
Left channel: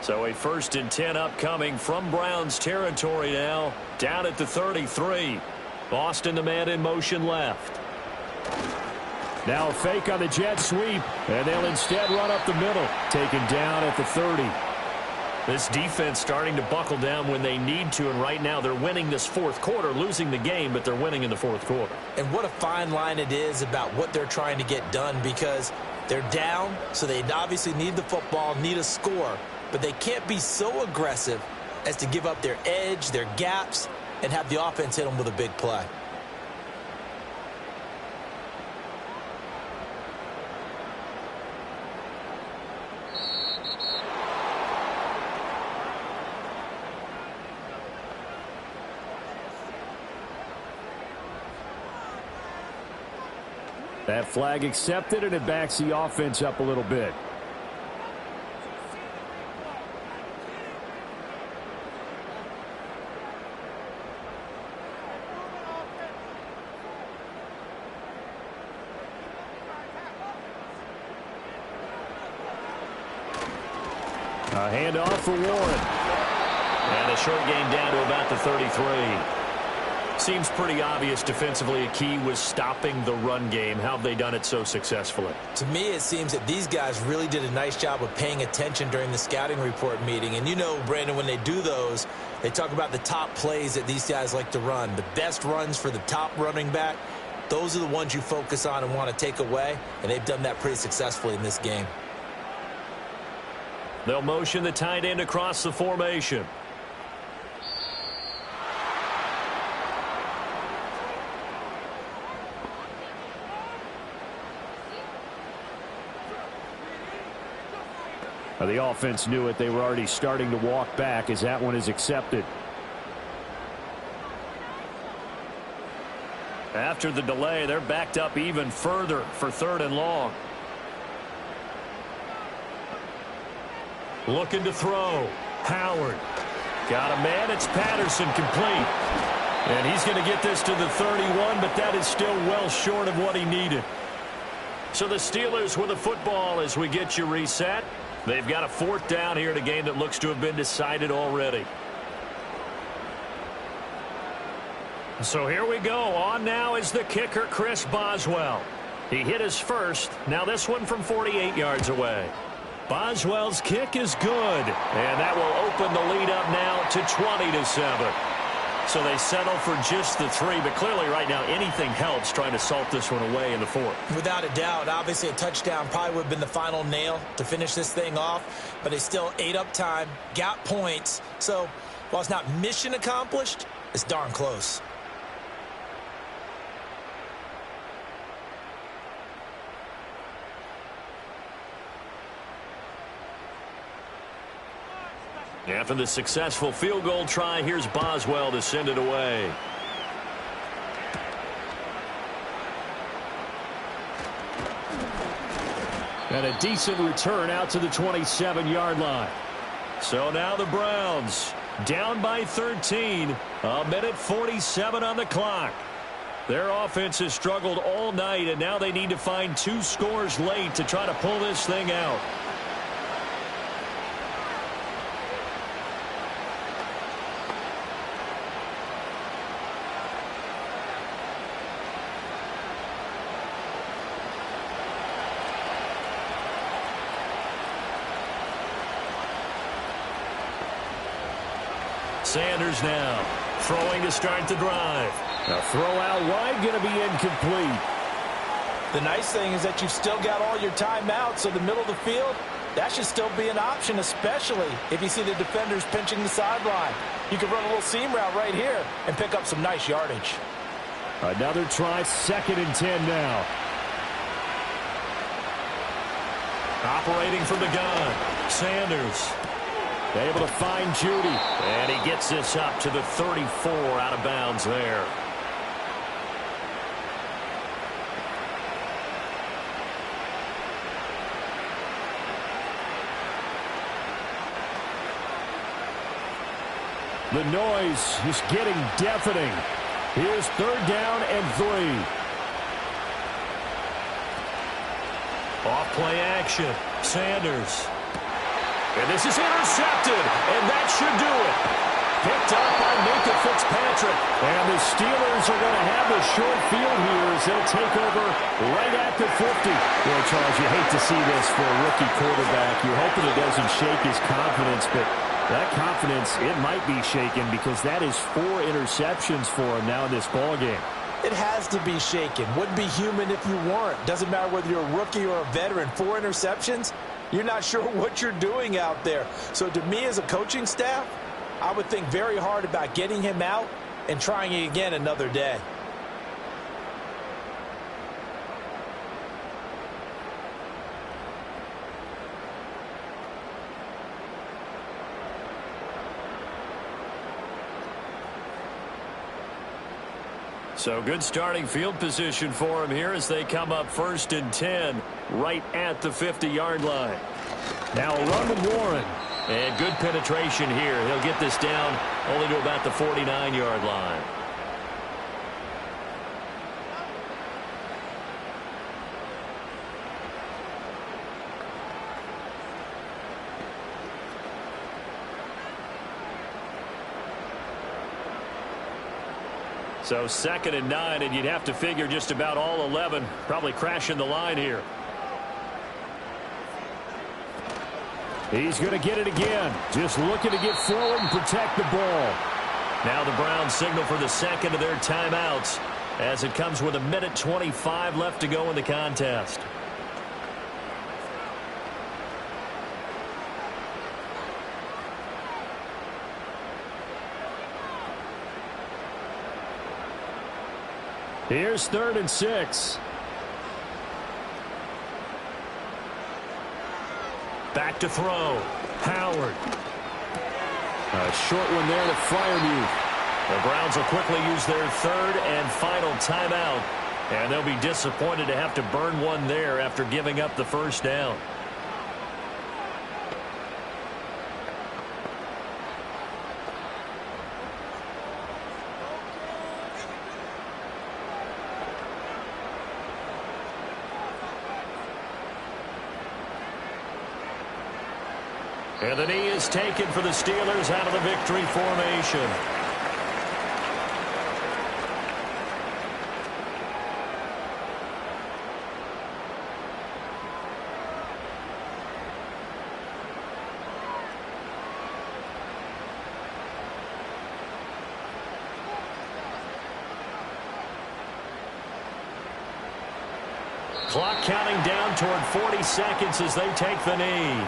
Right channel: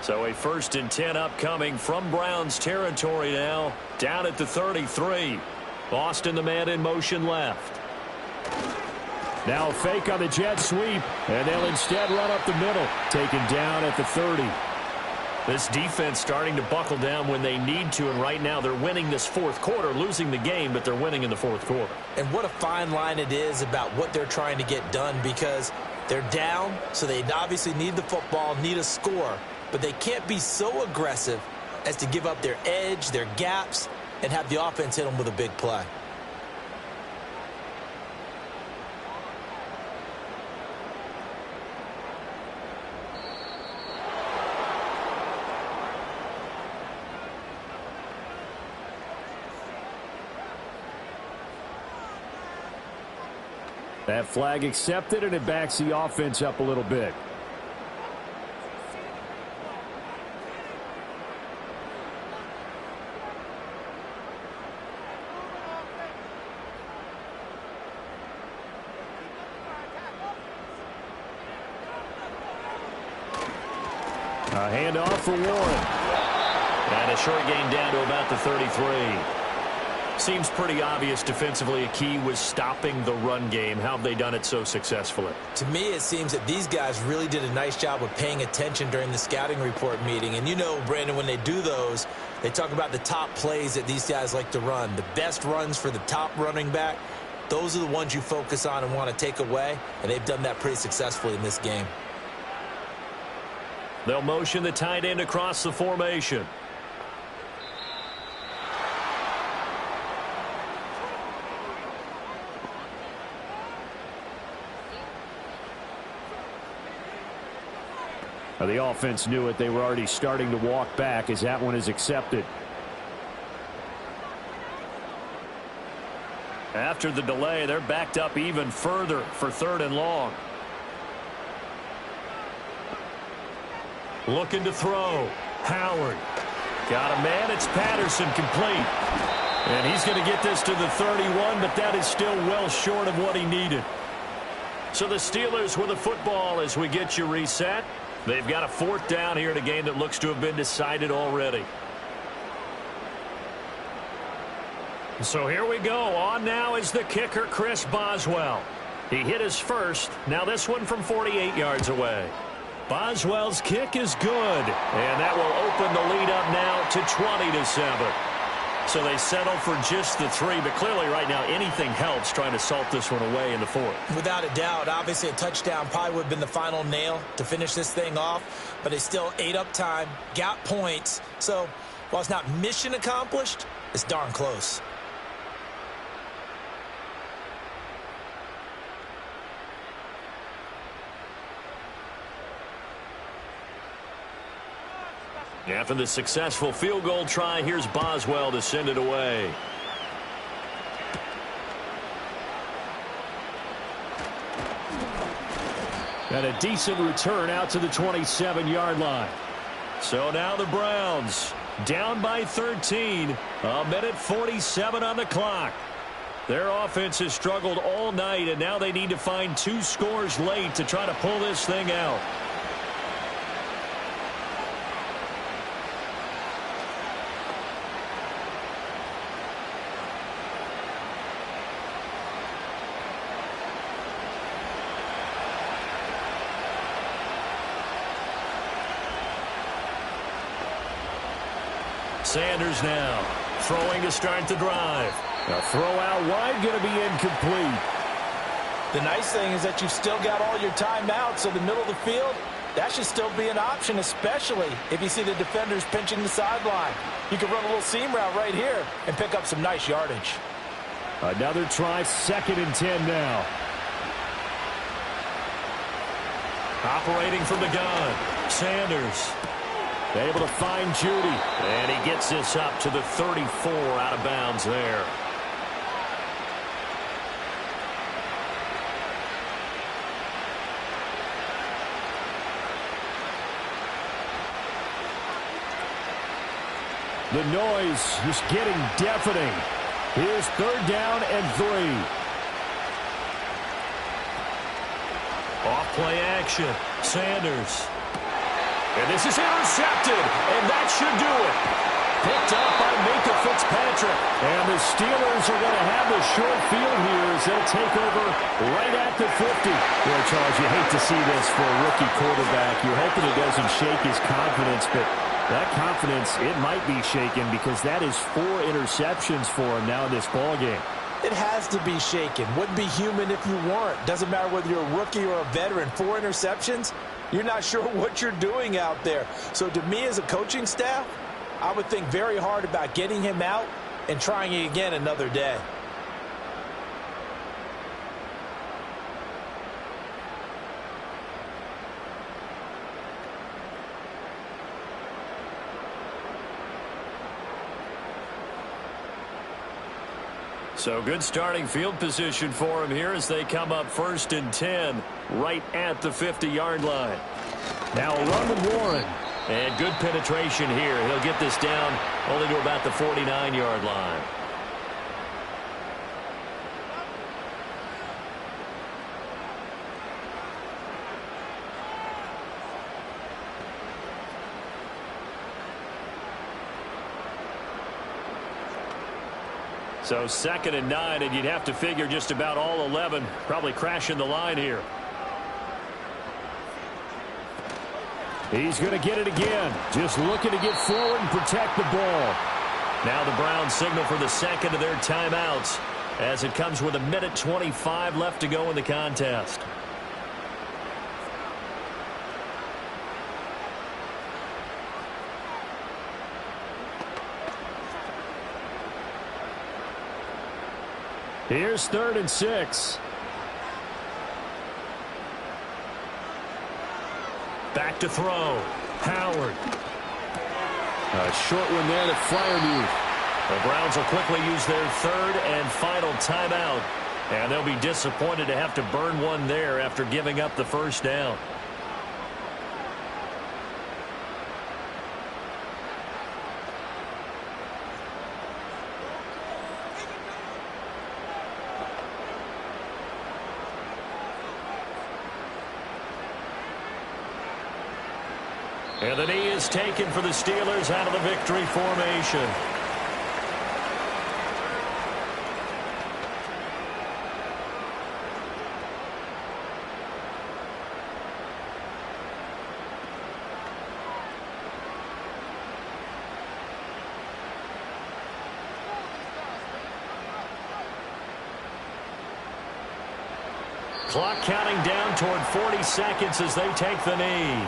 So a 1st and 10 upcoming from Browns territory now, down at the 33. Boston, the man in motion left. Now a fake on the jet sweep, and they'll instead run up the middle, taken down at the 30. This defense starting to buckle down when they need to, and right now they're winning this fourth quarter, losing the game, but they're winning in the fourth quarter. And what a fine line it is about what they're trying to get done, because they're down, so they obviously need the football, need a score, but they can't be so aggressive as to give up their edge, their gaps, and have the offense hit them with a big play. That flag accepted, and it backs the offense up a little bit. A handoff for Warren. And a short gain down to about the 33. Seems pretty obvious defensively a key was stopping the run game. How have they done it so successfully? To me, it seems that these guys really did a nice job of paying attention during the scouting report meeting. And you know, Brandon, when they do those, they talk about the top plays that these guys like to run. The best runs for the top running back, those are the ones you focus on and want to take away. And they've done that pretty successfully in this game. They'll motion the tight end across the formation. The offense knew it. They were already starting to walk back as that one is accepted. After the delay, they're backed up even further for 3rd and long. Looking to throw. Howard. Got a man. It's Patterson, complete. And he's going to get this to the 31, but that is still well short of what he needed. So the Steelers with the football as we get you reset. They've got a 4th down here in a game that looks to have been decided already. So here we go. On now is the kicker, Chris Boswell. He hit his first. Now this one from 48 yards away. Boswell's kick is good. And that will open the lead up now to 20-7. So they settle for just the 3, but clearly right now anything helps trying to salt this one away in the 4th. Without a doubt, obviously a touchdown probably would have been the final nail to finish this thing off, but they still ate up time, got points. So while it's not mission accomplished, it's darn close. After the successful field goal try, here's Boswell to send it away. And a decent return out to the 27-yard line. So now the Browns down by 13. A minute 47 on the clock. Their offense has struggled all night, and now they need to find 2 scores late to try to pull this thing out. Sanders now throwing to start the drive. A throw out wide going to be incomplete. The nice thing is that you've still got all your timeouts, so the middle of the field, that should still be an option, especially if you see the defenders pinching the sideline. You can run a little seam route right here and pick up some nice yardage. Another try, 2nd and 10 now. Operating from the gun, Sanders. Able to find Judy. And he gets this up to the 34 out of bounds there. The noise is getting deafening. Here's 3rd down and 3. Off-play action. Sanders. And this is intercepted, and that should do it. Picked up by Minka Fitzpatrick. And the Steelers are going to have the short field here as they'll take over right at the 50. Boy, Charles, you hate to see this for a rookie quarterback. You're hoping it doesn't shake his confidence, but that confidence, it might be shaken because that is 4 interceptions for him now in this ballgame. It has to be shaken. Wouldn't be human if you weren't. Doesn't matter whether you're a rookie or a veteran. 4 interceptions, you're not sure what you're doing out there. So to me as a coaching staff, I would think very hard about getting him out and trying it again another day. So good starting field position for him here as they come up 1st and 10 right at the 50-yard line. Now a run with Warren. And good penetration here. He'll get this down only to about the 49-yard line. So 2nd and 9, and you'd have to figure just about all 11 probably crashing the line here. He's going to get it again. Just looking to get forward and protect the ball. Now the Browns signal for the 2nd of their timeouts as it comes with 1:25 left to go in the contest. Here's 3rd and 6. Back to throw. Howard. A short one there to Freiermuth. The Browns will quickly use their 3rd and final timeout. And they'll be disappointed to have to burn one there after giving up the 1st down. And the knee is taken for the Steelers out of the victory formation. Clock counting down toward 40 seconds as they take the knee.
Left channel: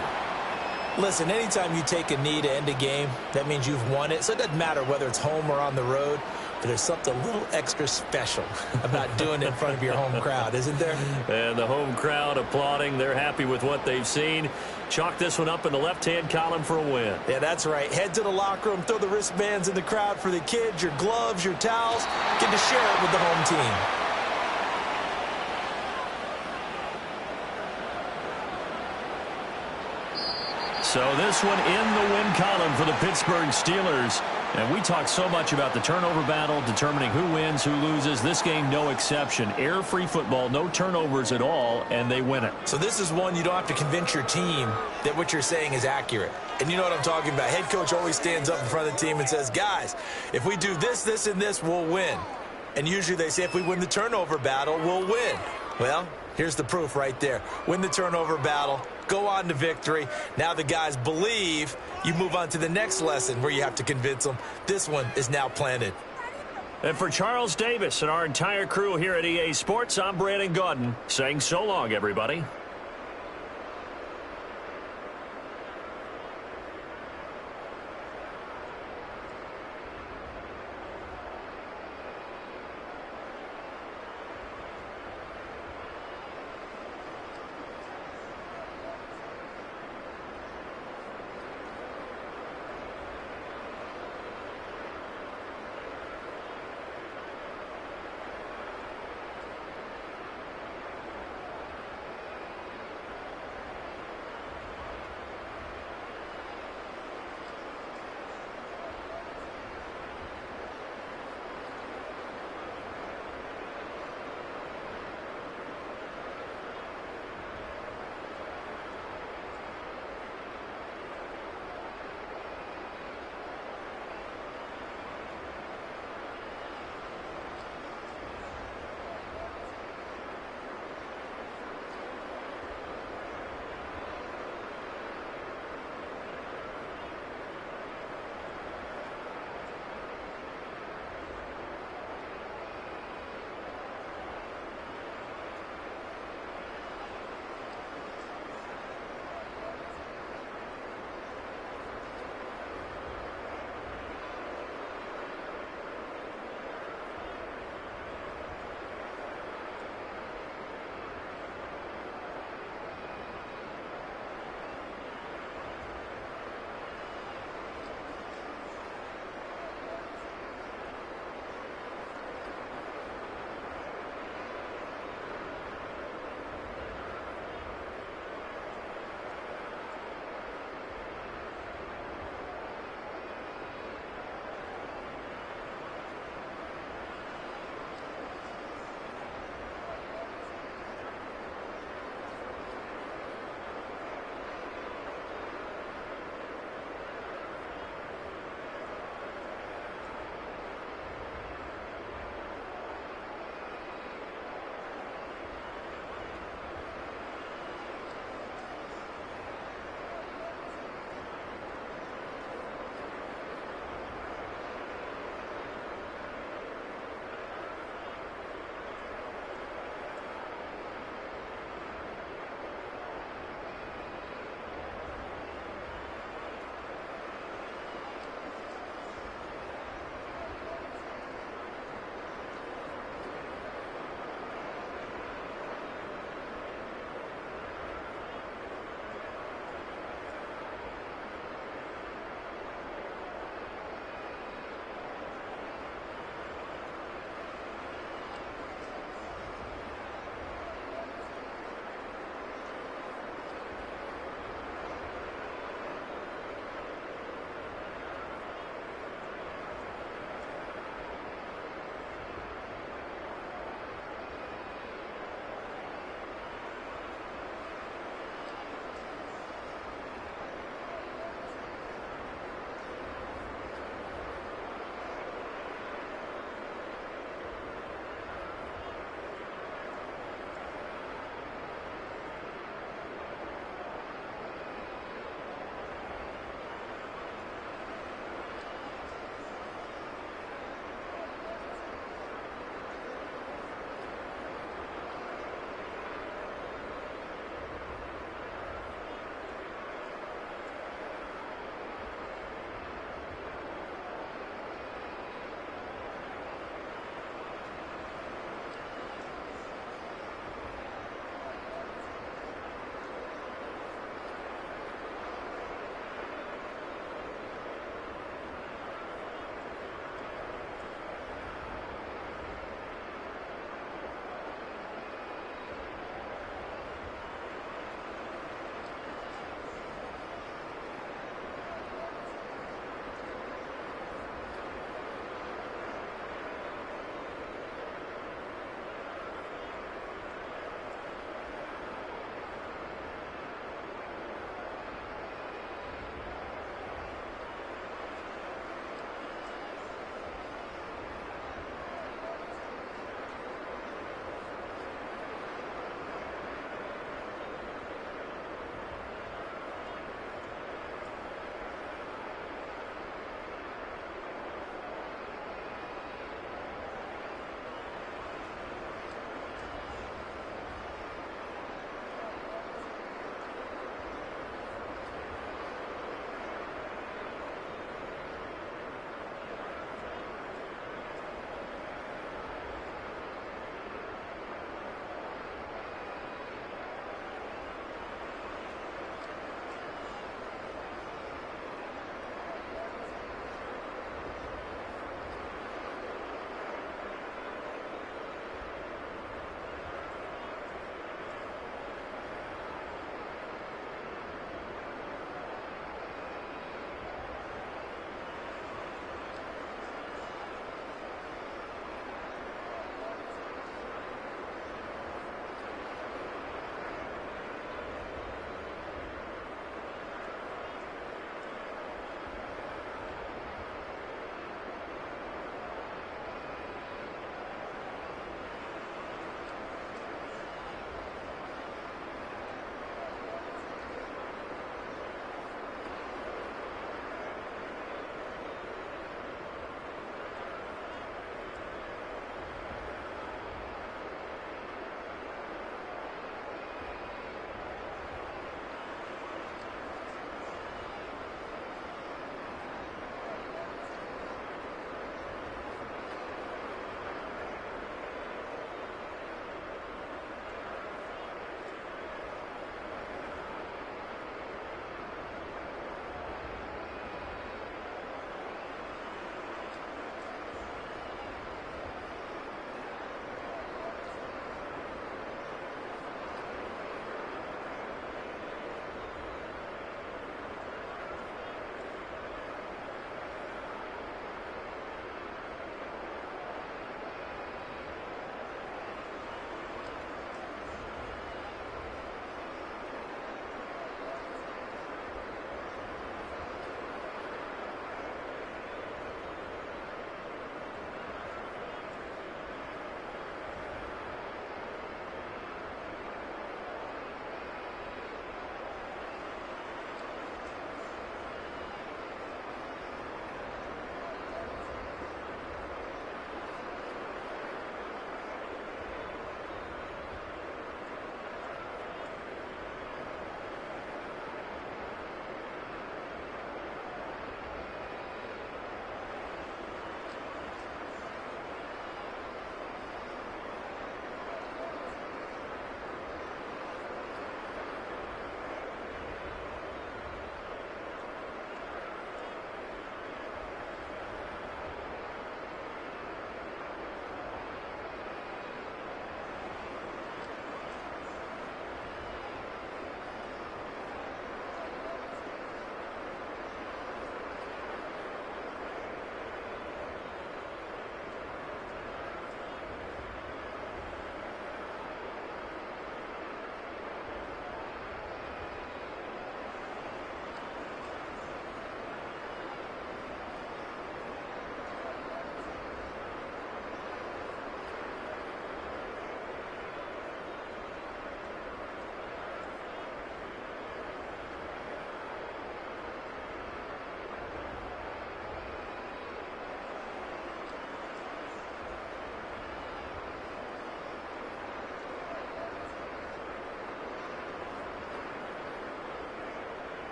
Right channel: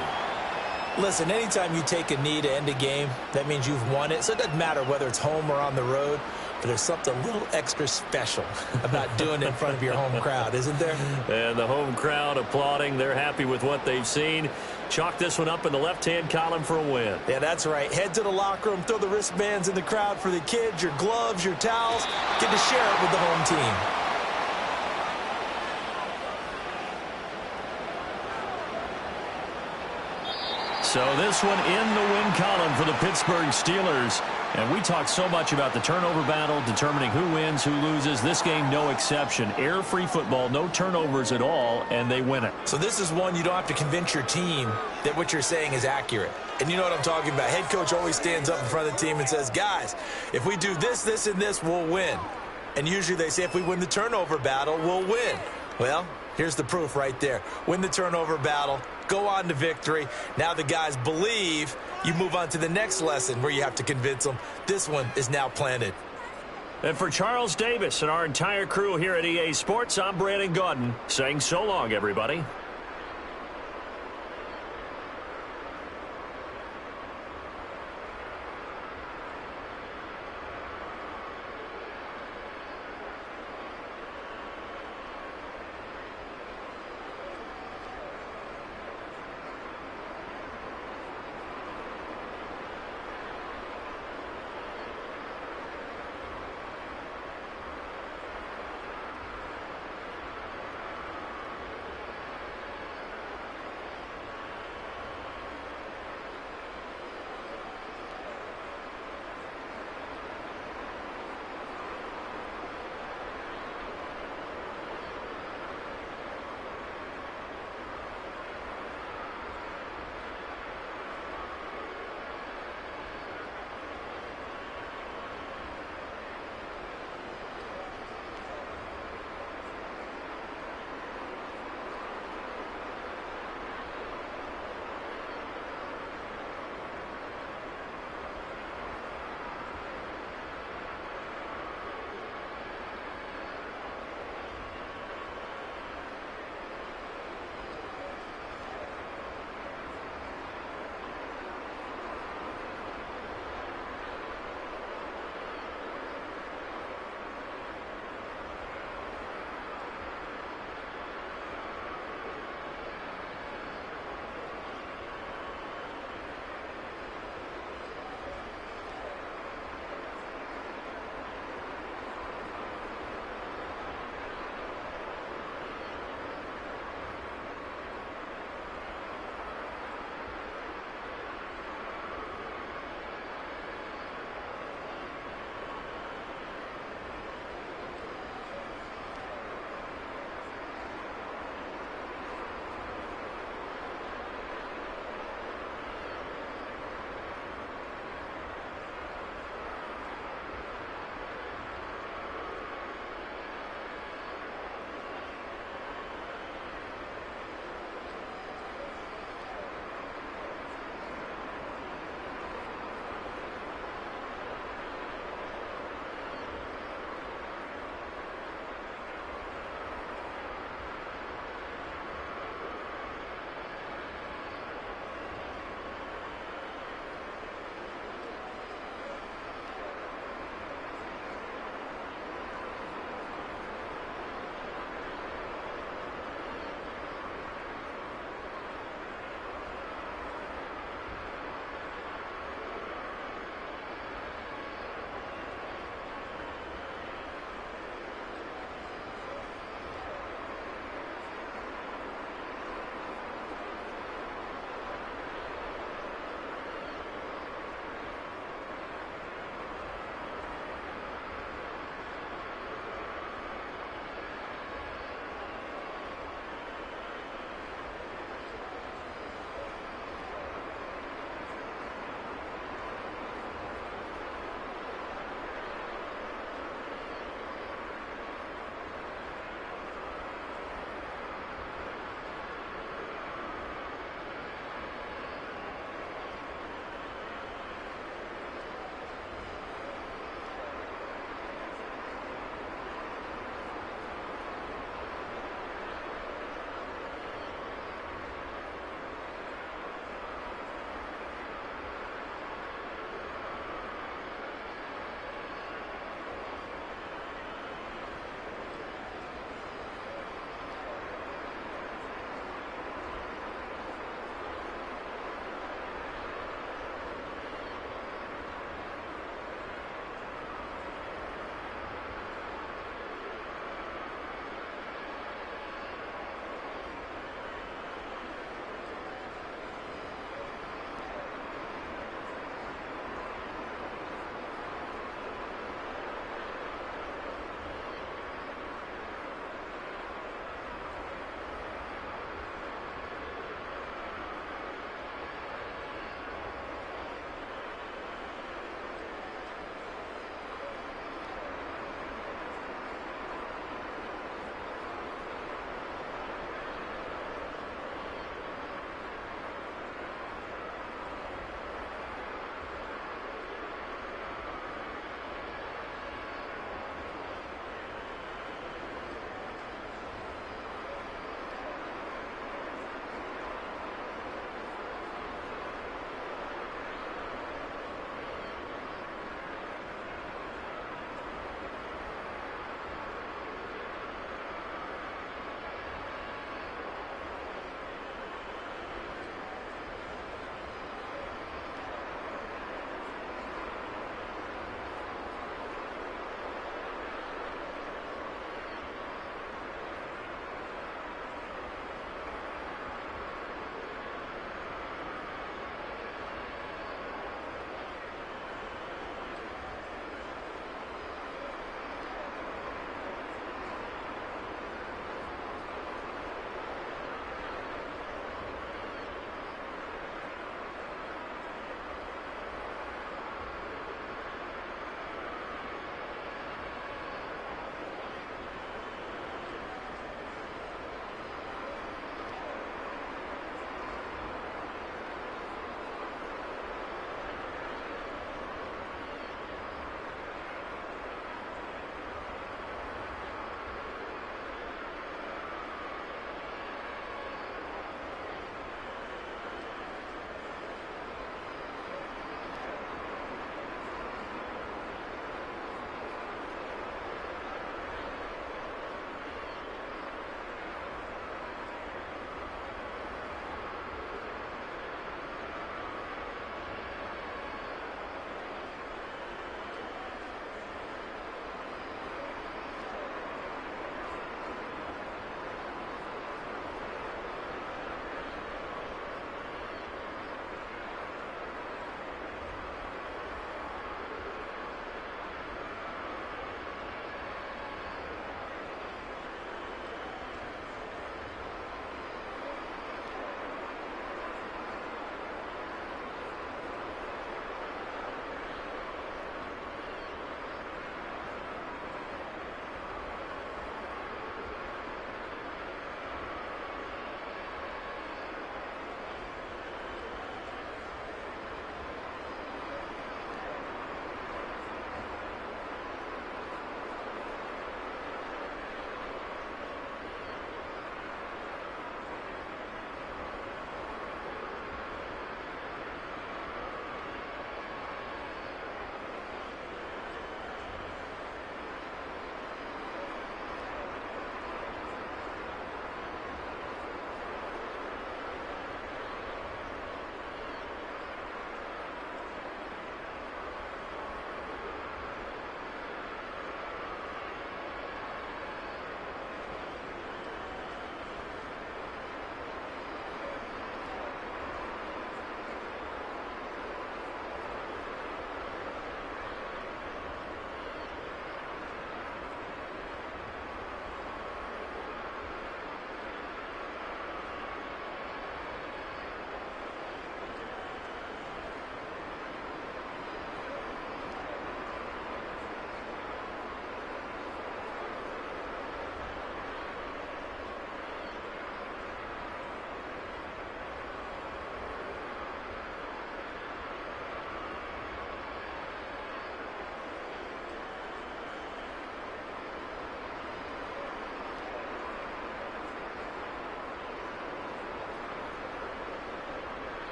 Listen, anytime you take a knee to end a game, that means you've won it. So it doesn't matter whether it's home or on the road, but there's something a little extra special about doing it in front of your home crowd, isn't there? And the home crowd applauding. They're happy with what they've seen. Chalk this one up in the left-hand column for a win. Yeah, that's right. Head to the locker room, throw the wristbands in the crowd for the kids, your gloves, your towels. Get to share it with the home team. So this one in the win column for the Pittsburgh Steelers. And we talk so much about the turnover battle, determining who wins, who loses. This game, no exception. Error-free football, no turnovers at all, and they win it. So this is one you don't have to convince your team that what you're saying is accurate. And you know what I'm talking about. Head coach always stands up in front of the team and says, guys, if we do this, this, and this, we'll win. And usually they say if we win the turnover battle, we'll win. Well, here's the proof right there. Win the turnover battle. Go on to victory. Now the guys believe. You move on to the next lesson where you have to convince them. This one is now planted. And for Charles Davis and our entire crew here at EA Sports, I'm Brandon Gaudin saying so long, everybody.